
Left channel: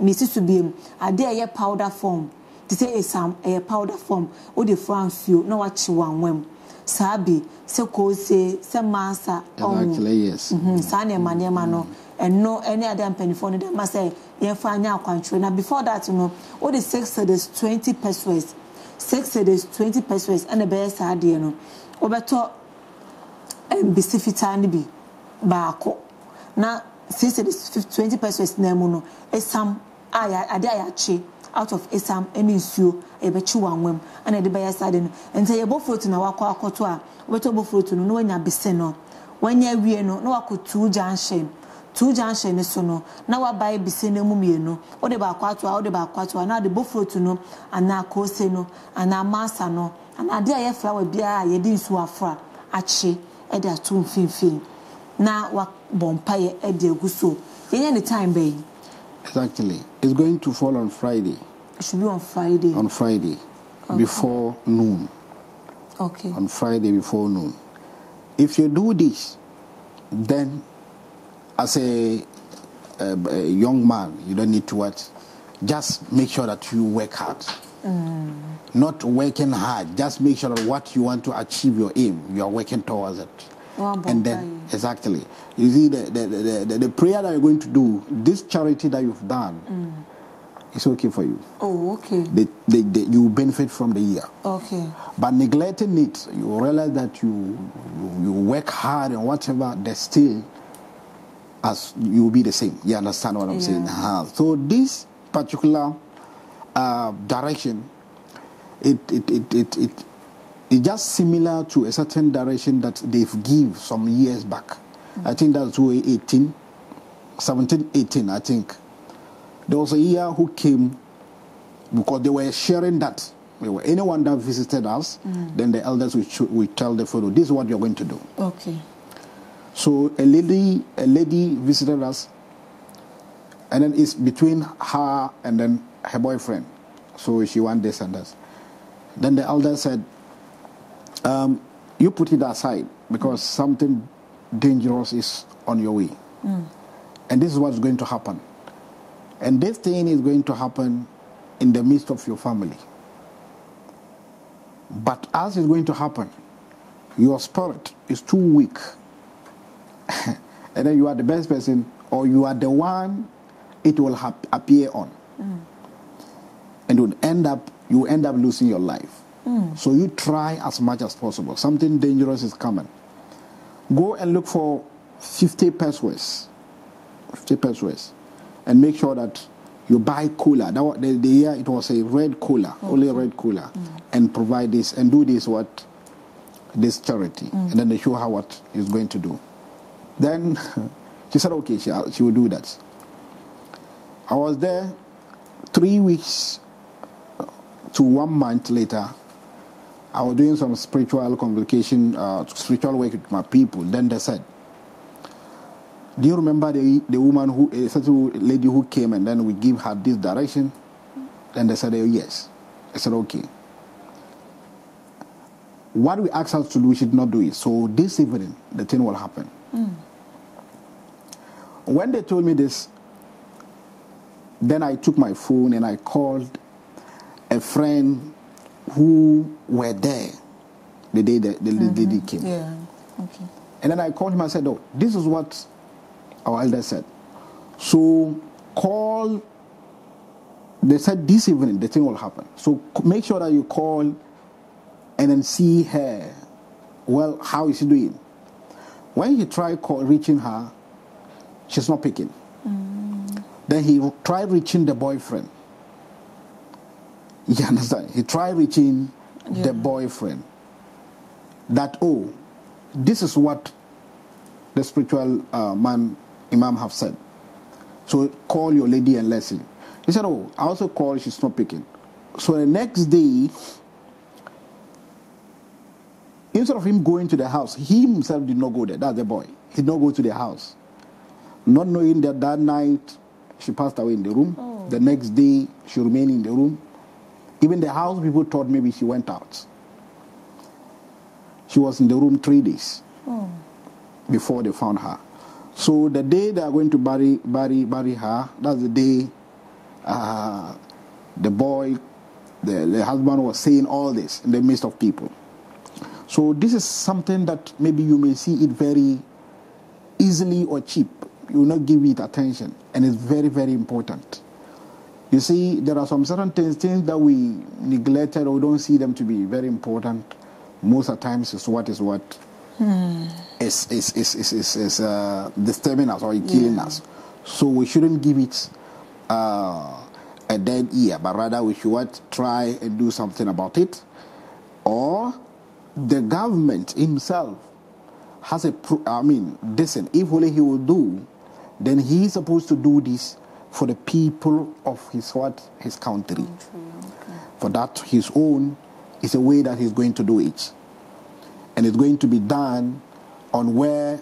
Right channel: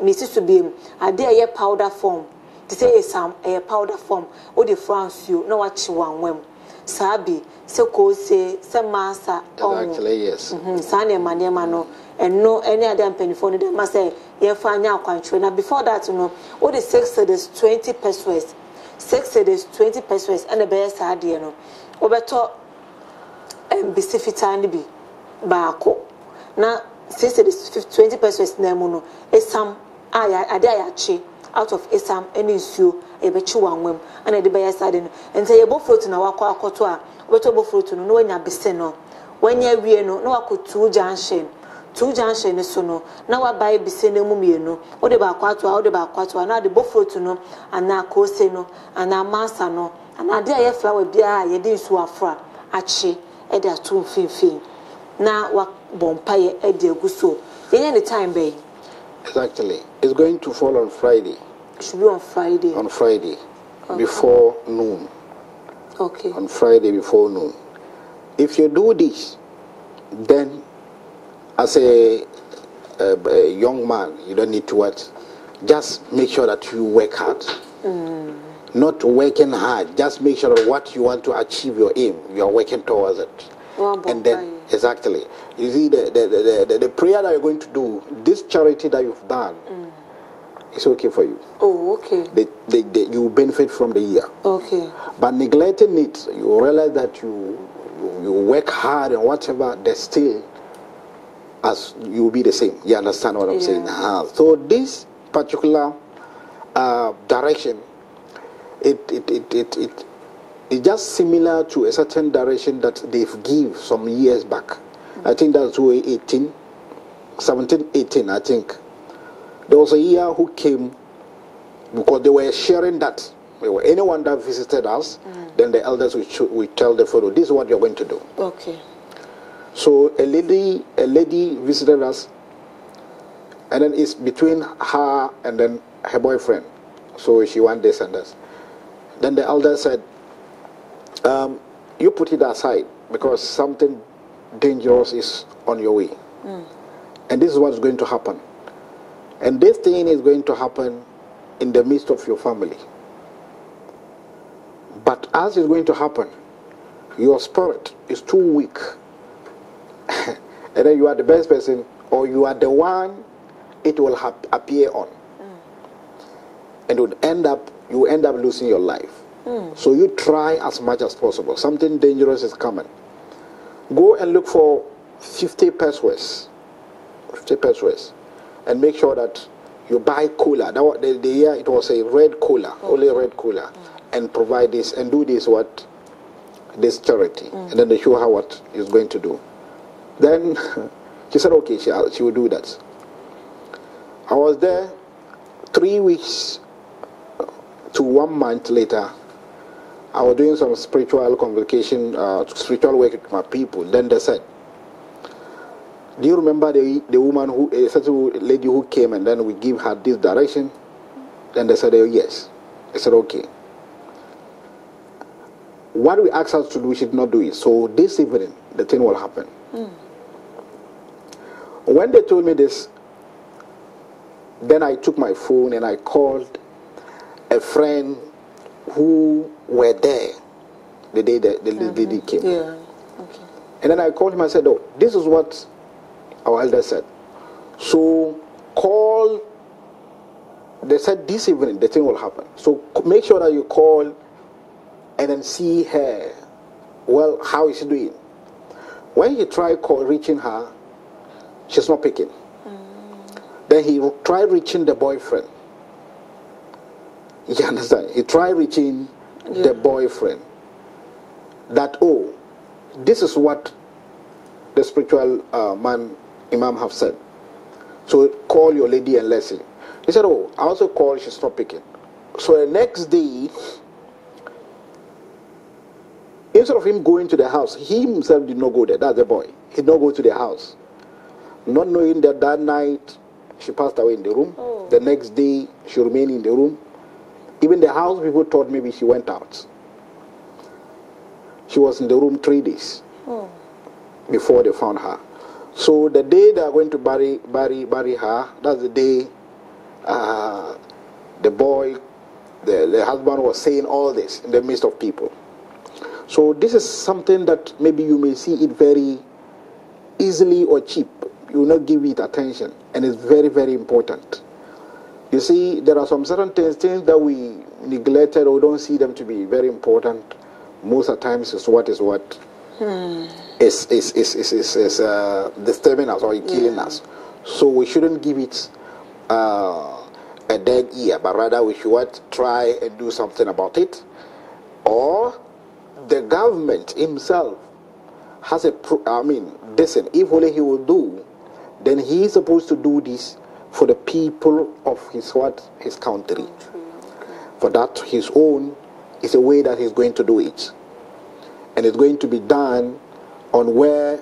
misi so biem ade eye powder form to say esam eye powder form o de France you na wachi wanwem sabi se ko se masa exactly yes sane manema no no any other penifo no dem say ye fa anya akwantre na before that no o de 6 is 20 pesos 6 is 20 pesos and be saade no obeto bisifita ni bi baako na since it is 20 pesos na mu no esam ade ayachi out of esam any nsuo ebechi wanwem ana de be side no ente ye bofruit na wakọ akoto a obeto bofruit no wanya bese no wanya wie no na wako 2 junction so no na wa buy bese na mu mie no o de ba akwato na de bofruit no ana kose no ana masa no ana de ye flower bia ye de nsuo afra achi e de atum finfin na wa bompaye e de aguso any time bay. Exactly. It's going to fall on Friday. It should be on Friday. On Friday, before noon. Okay. On Friday before noon. If you do this, then as a young man, you don't need to what? Just make sure that you work hard. Not working hard. Just make sure that what you want to achieve your aim, you are working towards it. And then, exactly. You see, the prayer that you're going to do, this charity that you've done, it's okay for you. Oh, okay. You benefit from the year. Okay. But neglecting it, you realize that you work hard and whatever, there's still, as you will be the same. You understand what I'm saying? So this particular direction, it's just similar to a certain direction that they've give some years back. I think that's 2018, 17, 18, I think. There was a year who came because they were sharing that. Anyone that visited us, then the elders would tell the fellow, this is what you're going to do. Okay. So a lady visited us, and then it's between her and then her boyfriend. So she wants this and this. Then the elder said, you put it aside because something dangerous is on your way. And this is what's going to happen. And this thing is going to happen in the midst of your family. But as it's going to happen, your spirit is too weak. And then you are the best person, or you are the one it will appear on. And you end up losing your life. So you try as much as possible. Something dangerous is coming. Go and look for 50 pesos. 50 pesos. And make sure that you buy cola. The year it was a red cola, only red cola. And provide this and do this charity. And then they show her what he's going to do. Then she said, okay, she will do that. I was there 3 weeks to 1 month later. I was doing some spiritual convocation, spiritual work with my people. Then they said, do you remember the woman a certain lady who came and then we give her this direction? Then they said, oh, yes. I said, okay. What we asked her to do, she did not do it. So this evening, the thing will happen. When they told me this, then I took my phone and I called a friend who were there the day the lady came. Yeah. Okay. And then I called him. I said, oh, this is what our elder said. So call. They said this evening the thing will happen. So make sure that you call and then see her. Well, how is she doing? When he tried reaching her, she's not picking. Then he tried reaching the boyfriend. You understand? He tried reaching the boyfriend. That, oh, this is what the spiritual man, Imam, have said. So call your lady and listen. He said, oh, I also called, she's not picking. So the next day, instead of him going to the house, he himself did not go there. That's the boy. He did not go to the house. Not knowing that that night she passed away in the room. The next day she remained in the room. Even the house people thought maybe she went out. She was in the room 3 days before they found her. So the day they are going to bury her, that's the day the boy, the husband was saying all this in the midst of people. So this is something that maybe you may see it very easily or cheap. You will not give it attention, and it's very, very important. You see, there are some certain things that we neglected or we don't see them to be very important. Most of the times is what is disturbing us or killing us. So we shouldn't give it a dead ear, but rather we should try and do something about it. Or the government himself has listen, if only he will do, then he is supposed to do this for the people of his country. For that, his own is a way that he's going to do it. And it's going to be done on where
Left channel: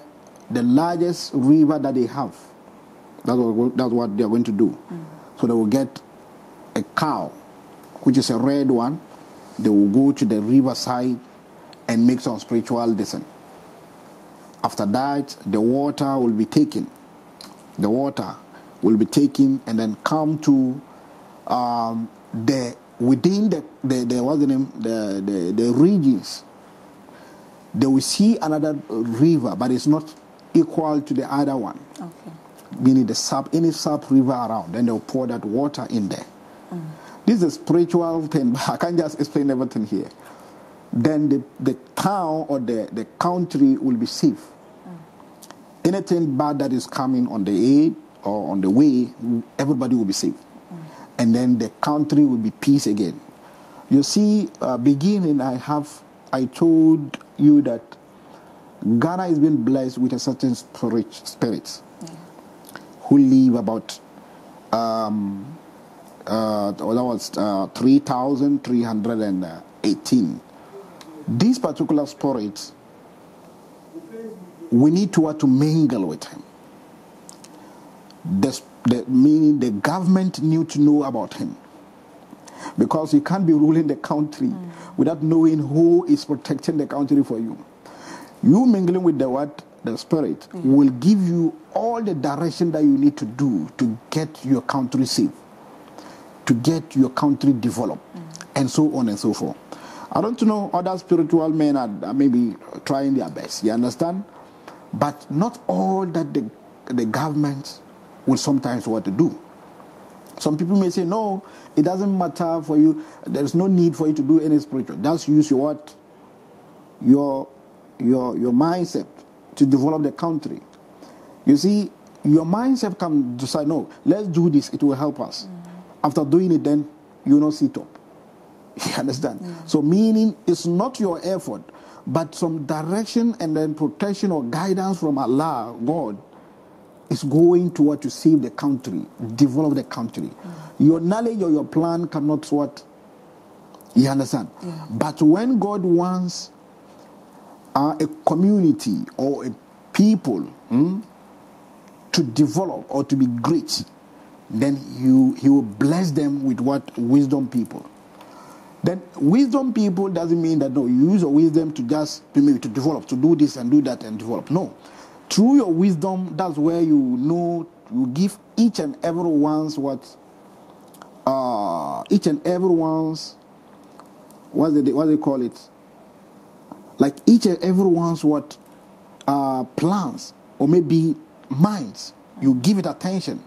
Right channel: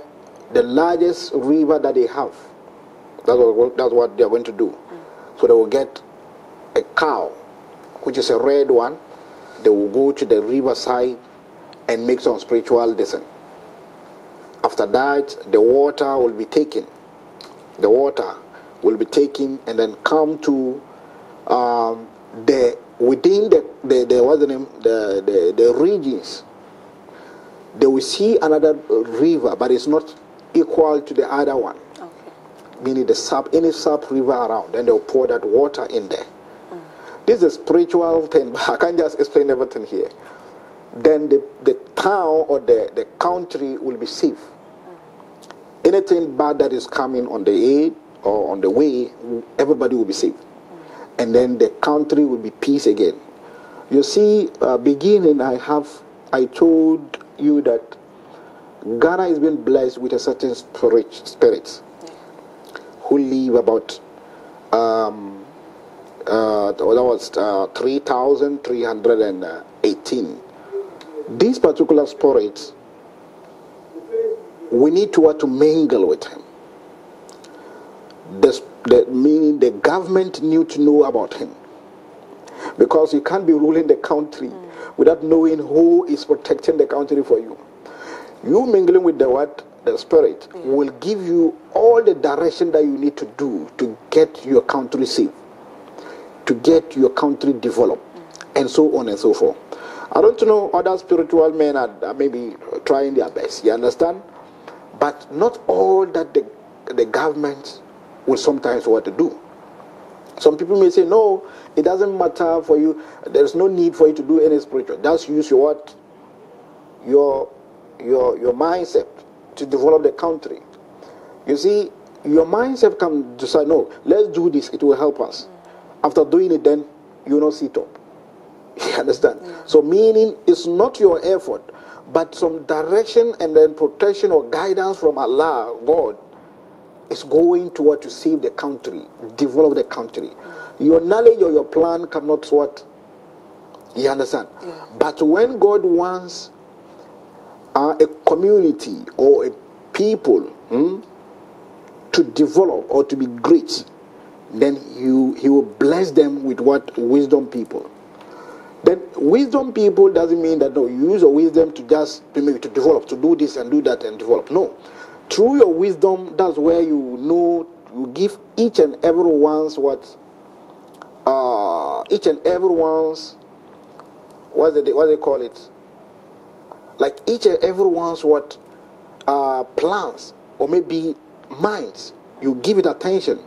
the largest river that they have. That's what they're going to do. So they will get a cow, which is a red one. They will go to the riverside and make some spiritual descent. After that, the water will be taken. The water will be taken and then come to within the regions. They will see another river, but it's not equal to the other one. Okay. Meaning any sub river around, then they'll pour that water in there. This is a spiritual thing, but I can't just explain everything here. Then the town or the country will be safe. Anything bad that is coming on the aid or on the way, everybody will be safe. And then the country will be peace again. You see, beginning, I told you that Ghana has been blessed with a certain spirits who live about that was 3,318. These particular spirits, we need to mingle with him. Meaning the government need to know about him. Because you can't be ruling the country without knowing who is protecting the country for you. You mingling with the spirit will give you all the direction that you need to do to get your country safe, to get your country developed, and so on and so forth. I don't know, other spiritual men are maybe trying their best, you understand? But not all that the government will sometimes want to do. Some people may say, no, it doesn't matter for you. There's no need for you to do any spiritual. Just use your mindset to develop the country. You see, your mindset can decide, no, let's do this. It will help us. After doing it, then you will not sit up. You understand? So meaning it's not your effort, but some direction and then protection or guidance from Allah, God, is going to save the country, develop the country. Your knowledge or your plan cannot what? You understand? But when God wants a community or a people to develop or to be great, then he will bless them with what? Wisdom people. Then wisdom people doesn't mean that no, you use your wisdom to just maybe to develop, to do this and do that and develop. No. Through your wisdom, that's where you know, you give each and everyone's what they call it? Like each and everyone's what plans or maybe minds. You give it attention.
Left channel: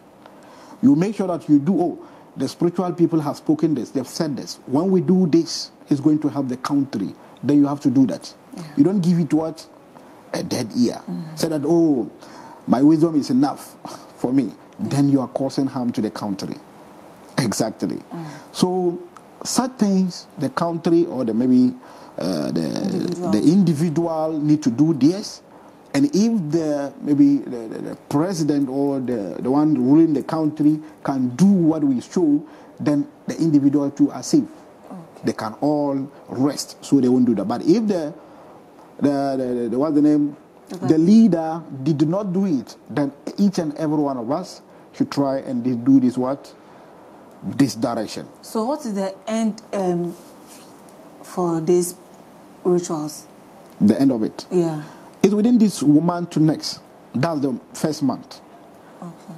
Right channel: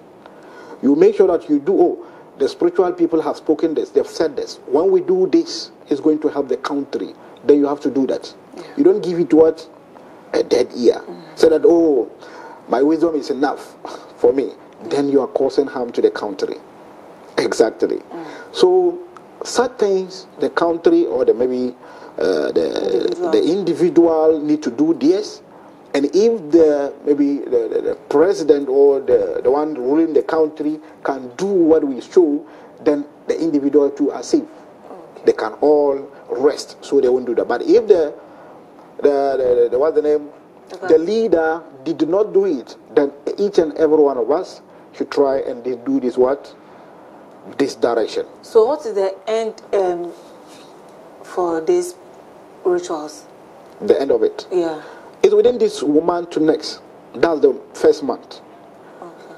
You make sure that you do, the spiritual people have spoken this, they've said this. When we do this, it's going to help the country. Then you have to do that. You don't give it what? A dead ear. So that, my wisdom is enough for me. Then you are causing harm to the country. Exactly. So such things, the country or the individual need to do this. And if the president or the one ruling the country can do what we show, then the individual too are safe. They can all rest, so they won't do that. But if the leader did not do it, then each and every one of us should try and do this this direction. So what is the end for these rituals? The end of it? Yeah. It's within this month to next. That's the first month. Okay.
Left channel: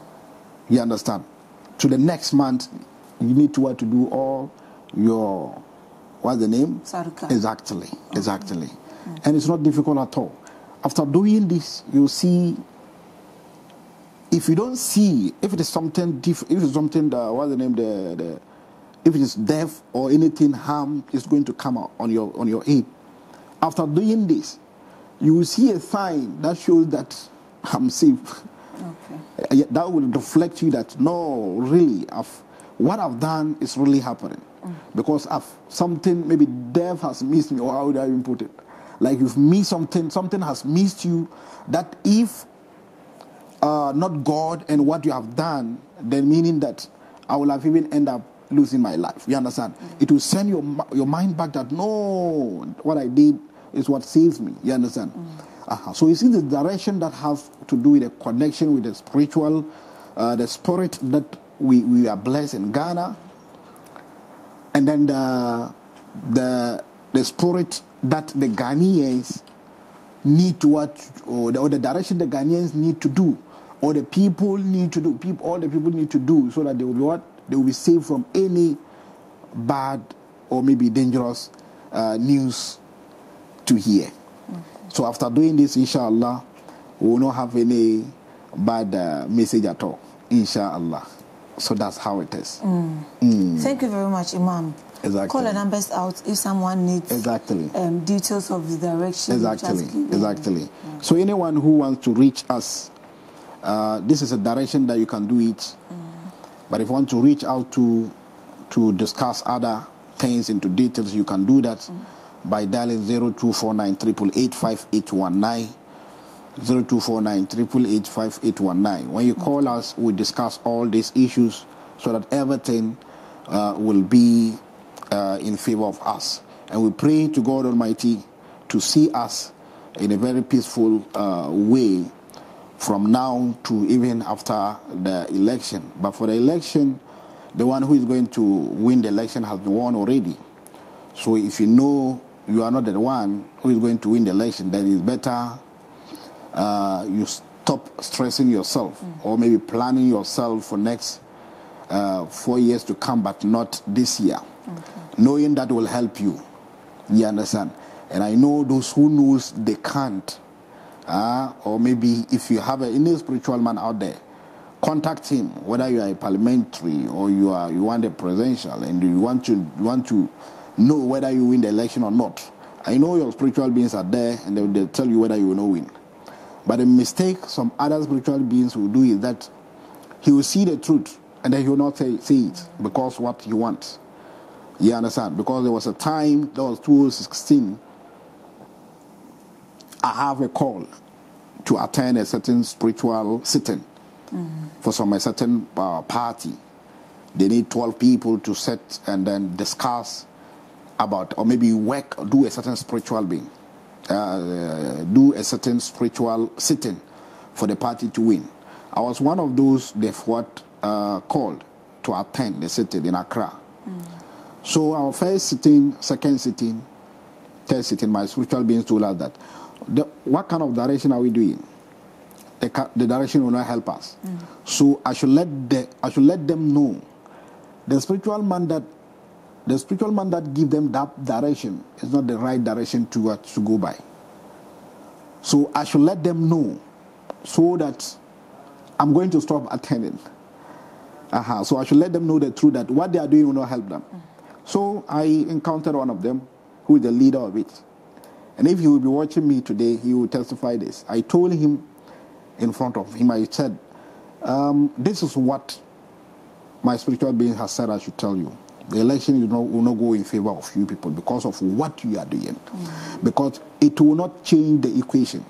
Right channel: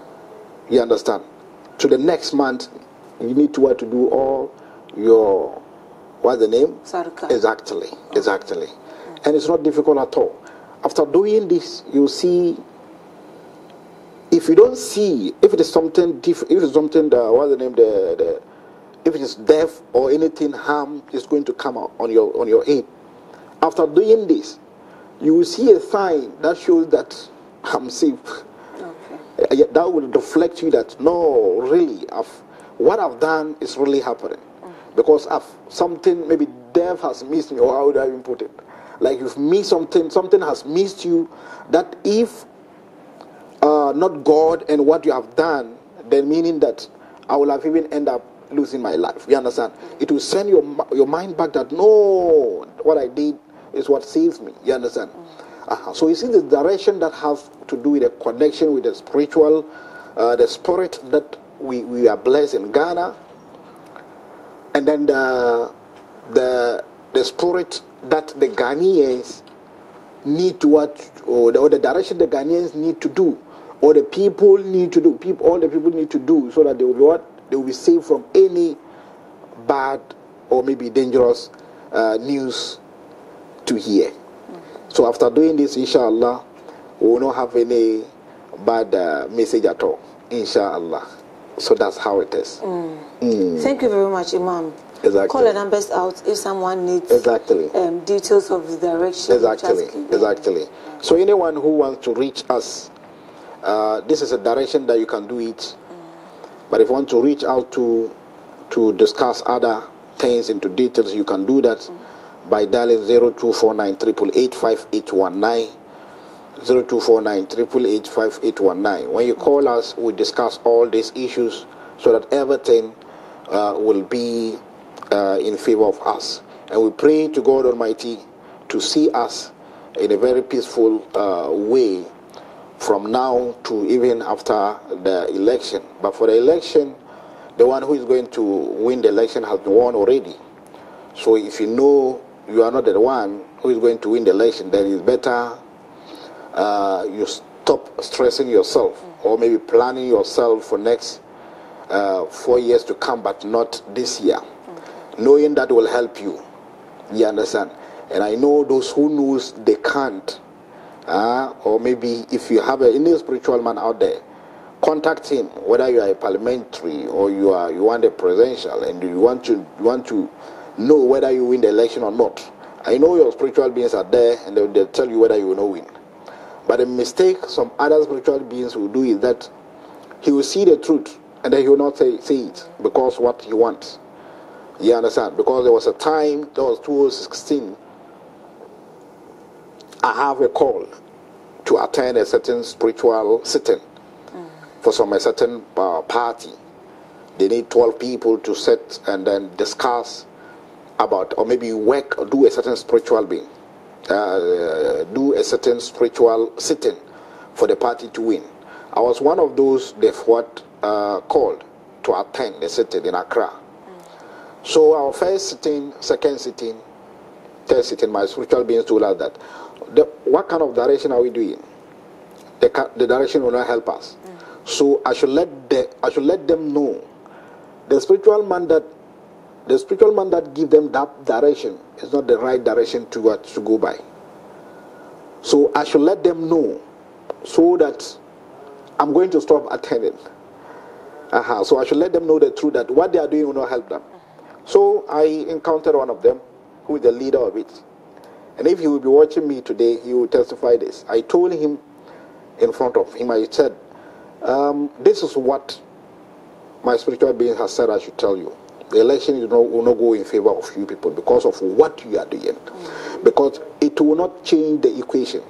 You understand? To the next month, you need to do all your, what's the name? Sadaka. Exactly. And it's not difficult at all. After doing this, you see, if you don't see, if it is something different, if it's something, what's the name, if it is death or anything harm is going to come out on your aid. After doing this, you will see a sign that shows that I'm safe. Okay. That will reflect you that, no, really, what I've done is really happening. Because something, maybe death has missed me, or how would I even put it? Like you've missed something has missed you, that if not God and what you have done, then meaning that I will have even end up losing my life. You understand? It will send your mind back that, no, what I did is what saves me. You understand? So you see the direction that has to do with a connection with the spiritual, the spirit that we are blessed in Ghana, and then the spirit that the Ghanaians need to or the direction the Ghanaians need to do, or the people need to do, all the people need to do, so that they will they will be saved from any bad or maybe dangerous news to hear. So after doing this, inshallah, we will not have any bad message at all. Inshallah. So that's how it is. Thank you very much, Imam. Exactly. Call the numbers out if someone needs details of the direction. Exactly. Yeah. So anyone who wants to reach us, this is a direction that you can do it. But if you want to reach out to discuss other things into details, you can do that by dialing 0249 888 0249 888 When you call us, we discuss all these issues so that everything will be in favor of us. And we pray to God Almighty to see us in a very peaceful way from now to even after the election. But for the election, the one who is going to win the election has been won already. So if you know you are not the one who is going to win the election, then it's better you stop stressing yourself or maybe planning yourself for next 4 years to come, but not this year. Knowing that will help you. You understand? And I know those who knows they can't. Or maybe if you have any spiritual man out there, contact him. Whether you are a parliamentary or you want a presidential, and you want to know whether you win the election or not. I know your spiritual beings are there, and they'll tell you whether you will not win. But the mistake some other spiritual beings will do is that he will see the truth, and then he will not say it because what he wants. You understand? Because there was a time, that was 2016, I have a call to attend a certain spiritual sitting for a certain party. They need 12 people to sit and then discuss about, or maybe work, or do a certain spiritual being, do a certain spiritual sitting for the party to win. I was one of those called to attend the sitting in Accra. So our first sitting, second sitting, third sitting, my spiritual beings told us that what kind of direction are we doing? The direction will not help us. So I should let them know the spiritual man that give them that direction is not the right direction to go by. So I should let them know so that I'm going to stop attending. So I should let them know the truth that what they are doing will not help them. So I encountered one of them who is the leader of it. And if he will be watching me today, he will testify this. I told him in front of him, I said, this is what my spiritual being has said I should tell you. The election will not go in favor of you people because of what you are doing. Because it will not change the equation.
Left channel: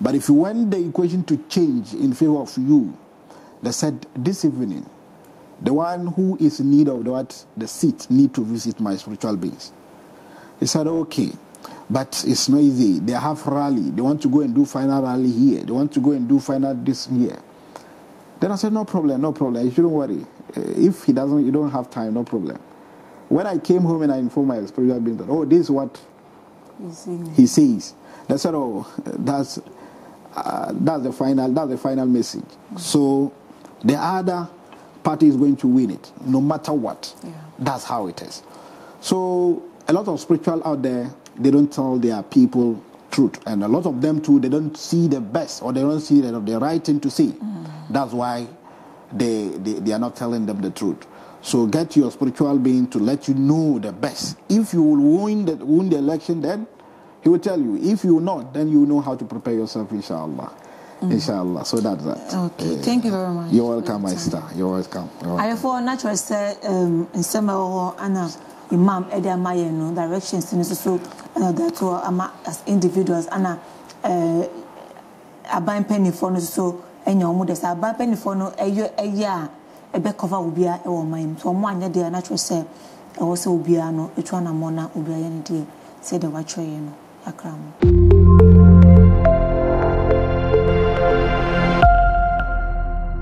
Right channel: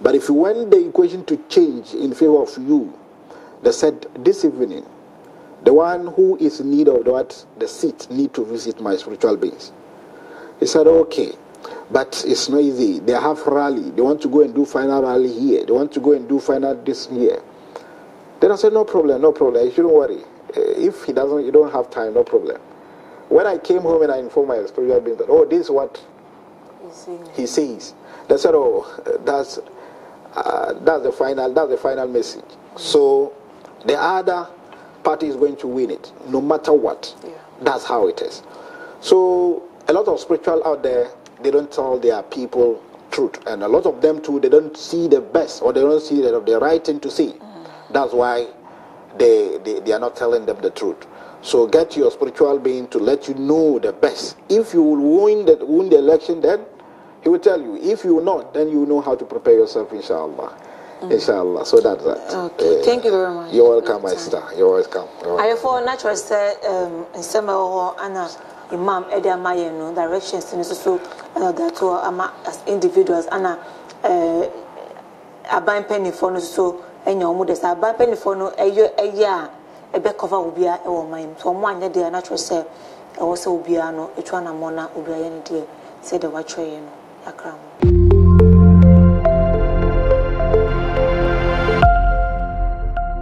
But if you want the equation to change in favor of you, they said this evening, the one who is in need of the seat need to visit my spiritual beings. He said, okay, but it's not easy. They have rally. They want to go and do final rally here. They want to go and do final this here. Then I said, no problem. You shouldn't worry. If you don't have time, no problem. When I came home and I informed my spiritual being that, this is what he says. They said, that's the final message. So the other party is going to win it, no matter what. That's how it is. So a lot of spiritual out there, they don't tell their people truth. And a lot of them too, they don't see the best, or they don't see the right thing to say. That's why they are not telling them the truth. So get your spiritual being to let you know the best. If you will win the election, then he will tell you. If you will not, then you will know how to prepare yourself, inshallah. Inshallah. So that's that. Okay. Thank you very much. You're welcome, my sister. You're welcome. I for natural say Nsem Anna Imam Edia Mayeno directions in so that as individuals Anna aban penny for no so enya omo des aban penny for no eya ebe cover obia e wo man so mo anya de natural say e wo se obia no etwa na mona obia ye ne de say the watch ye no akra mo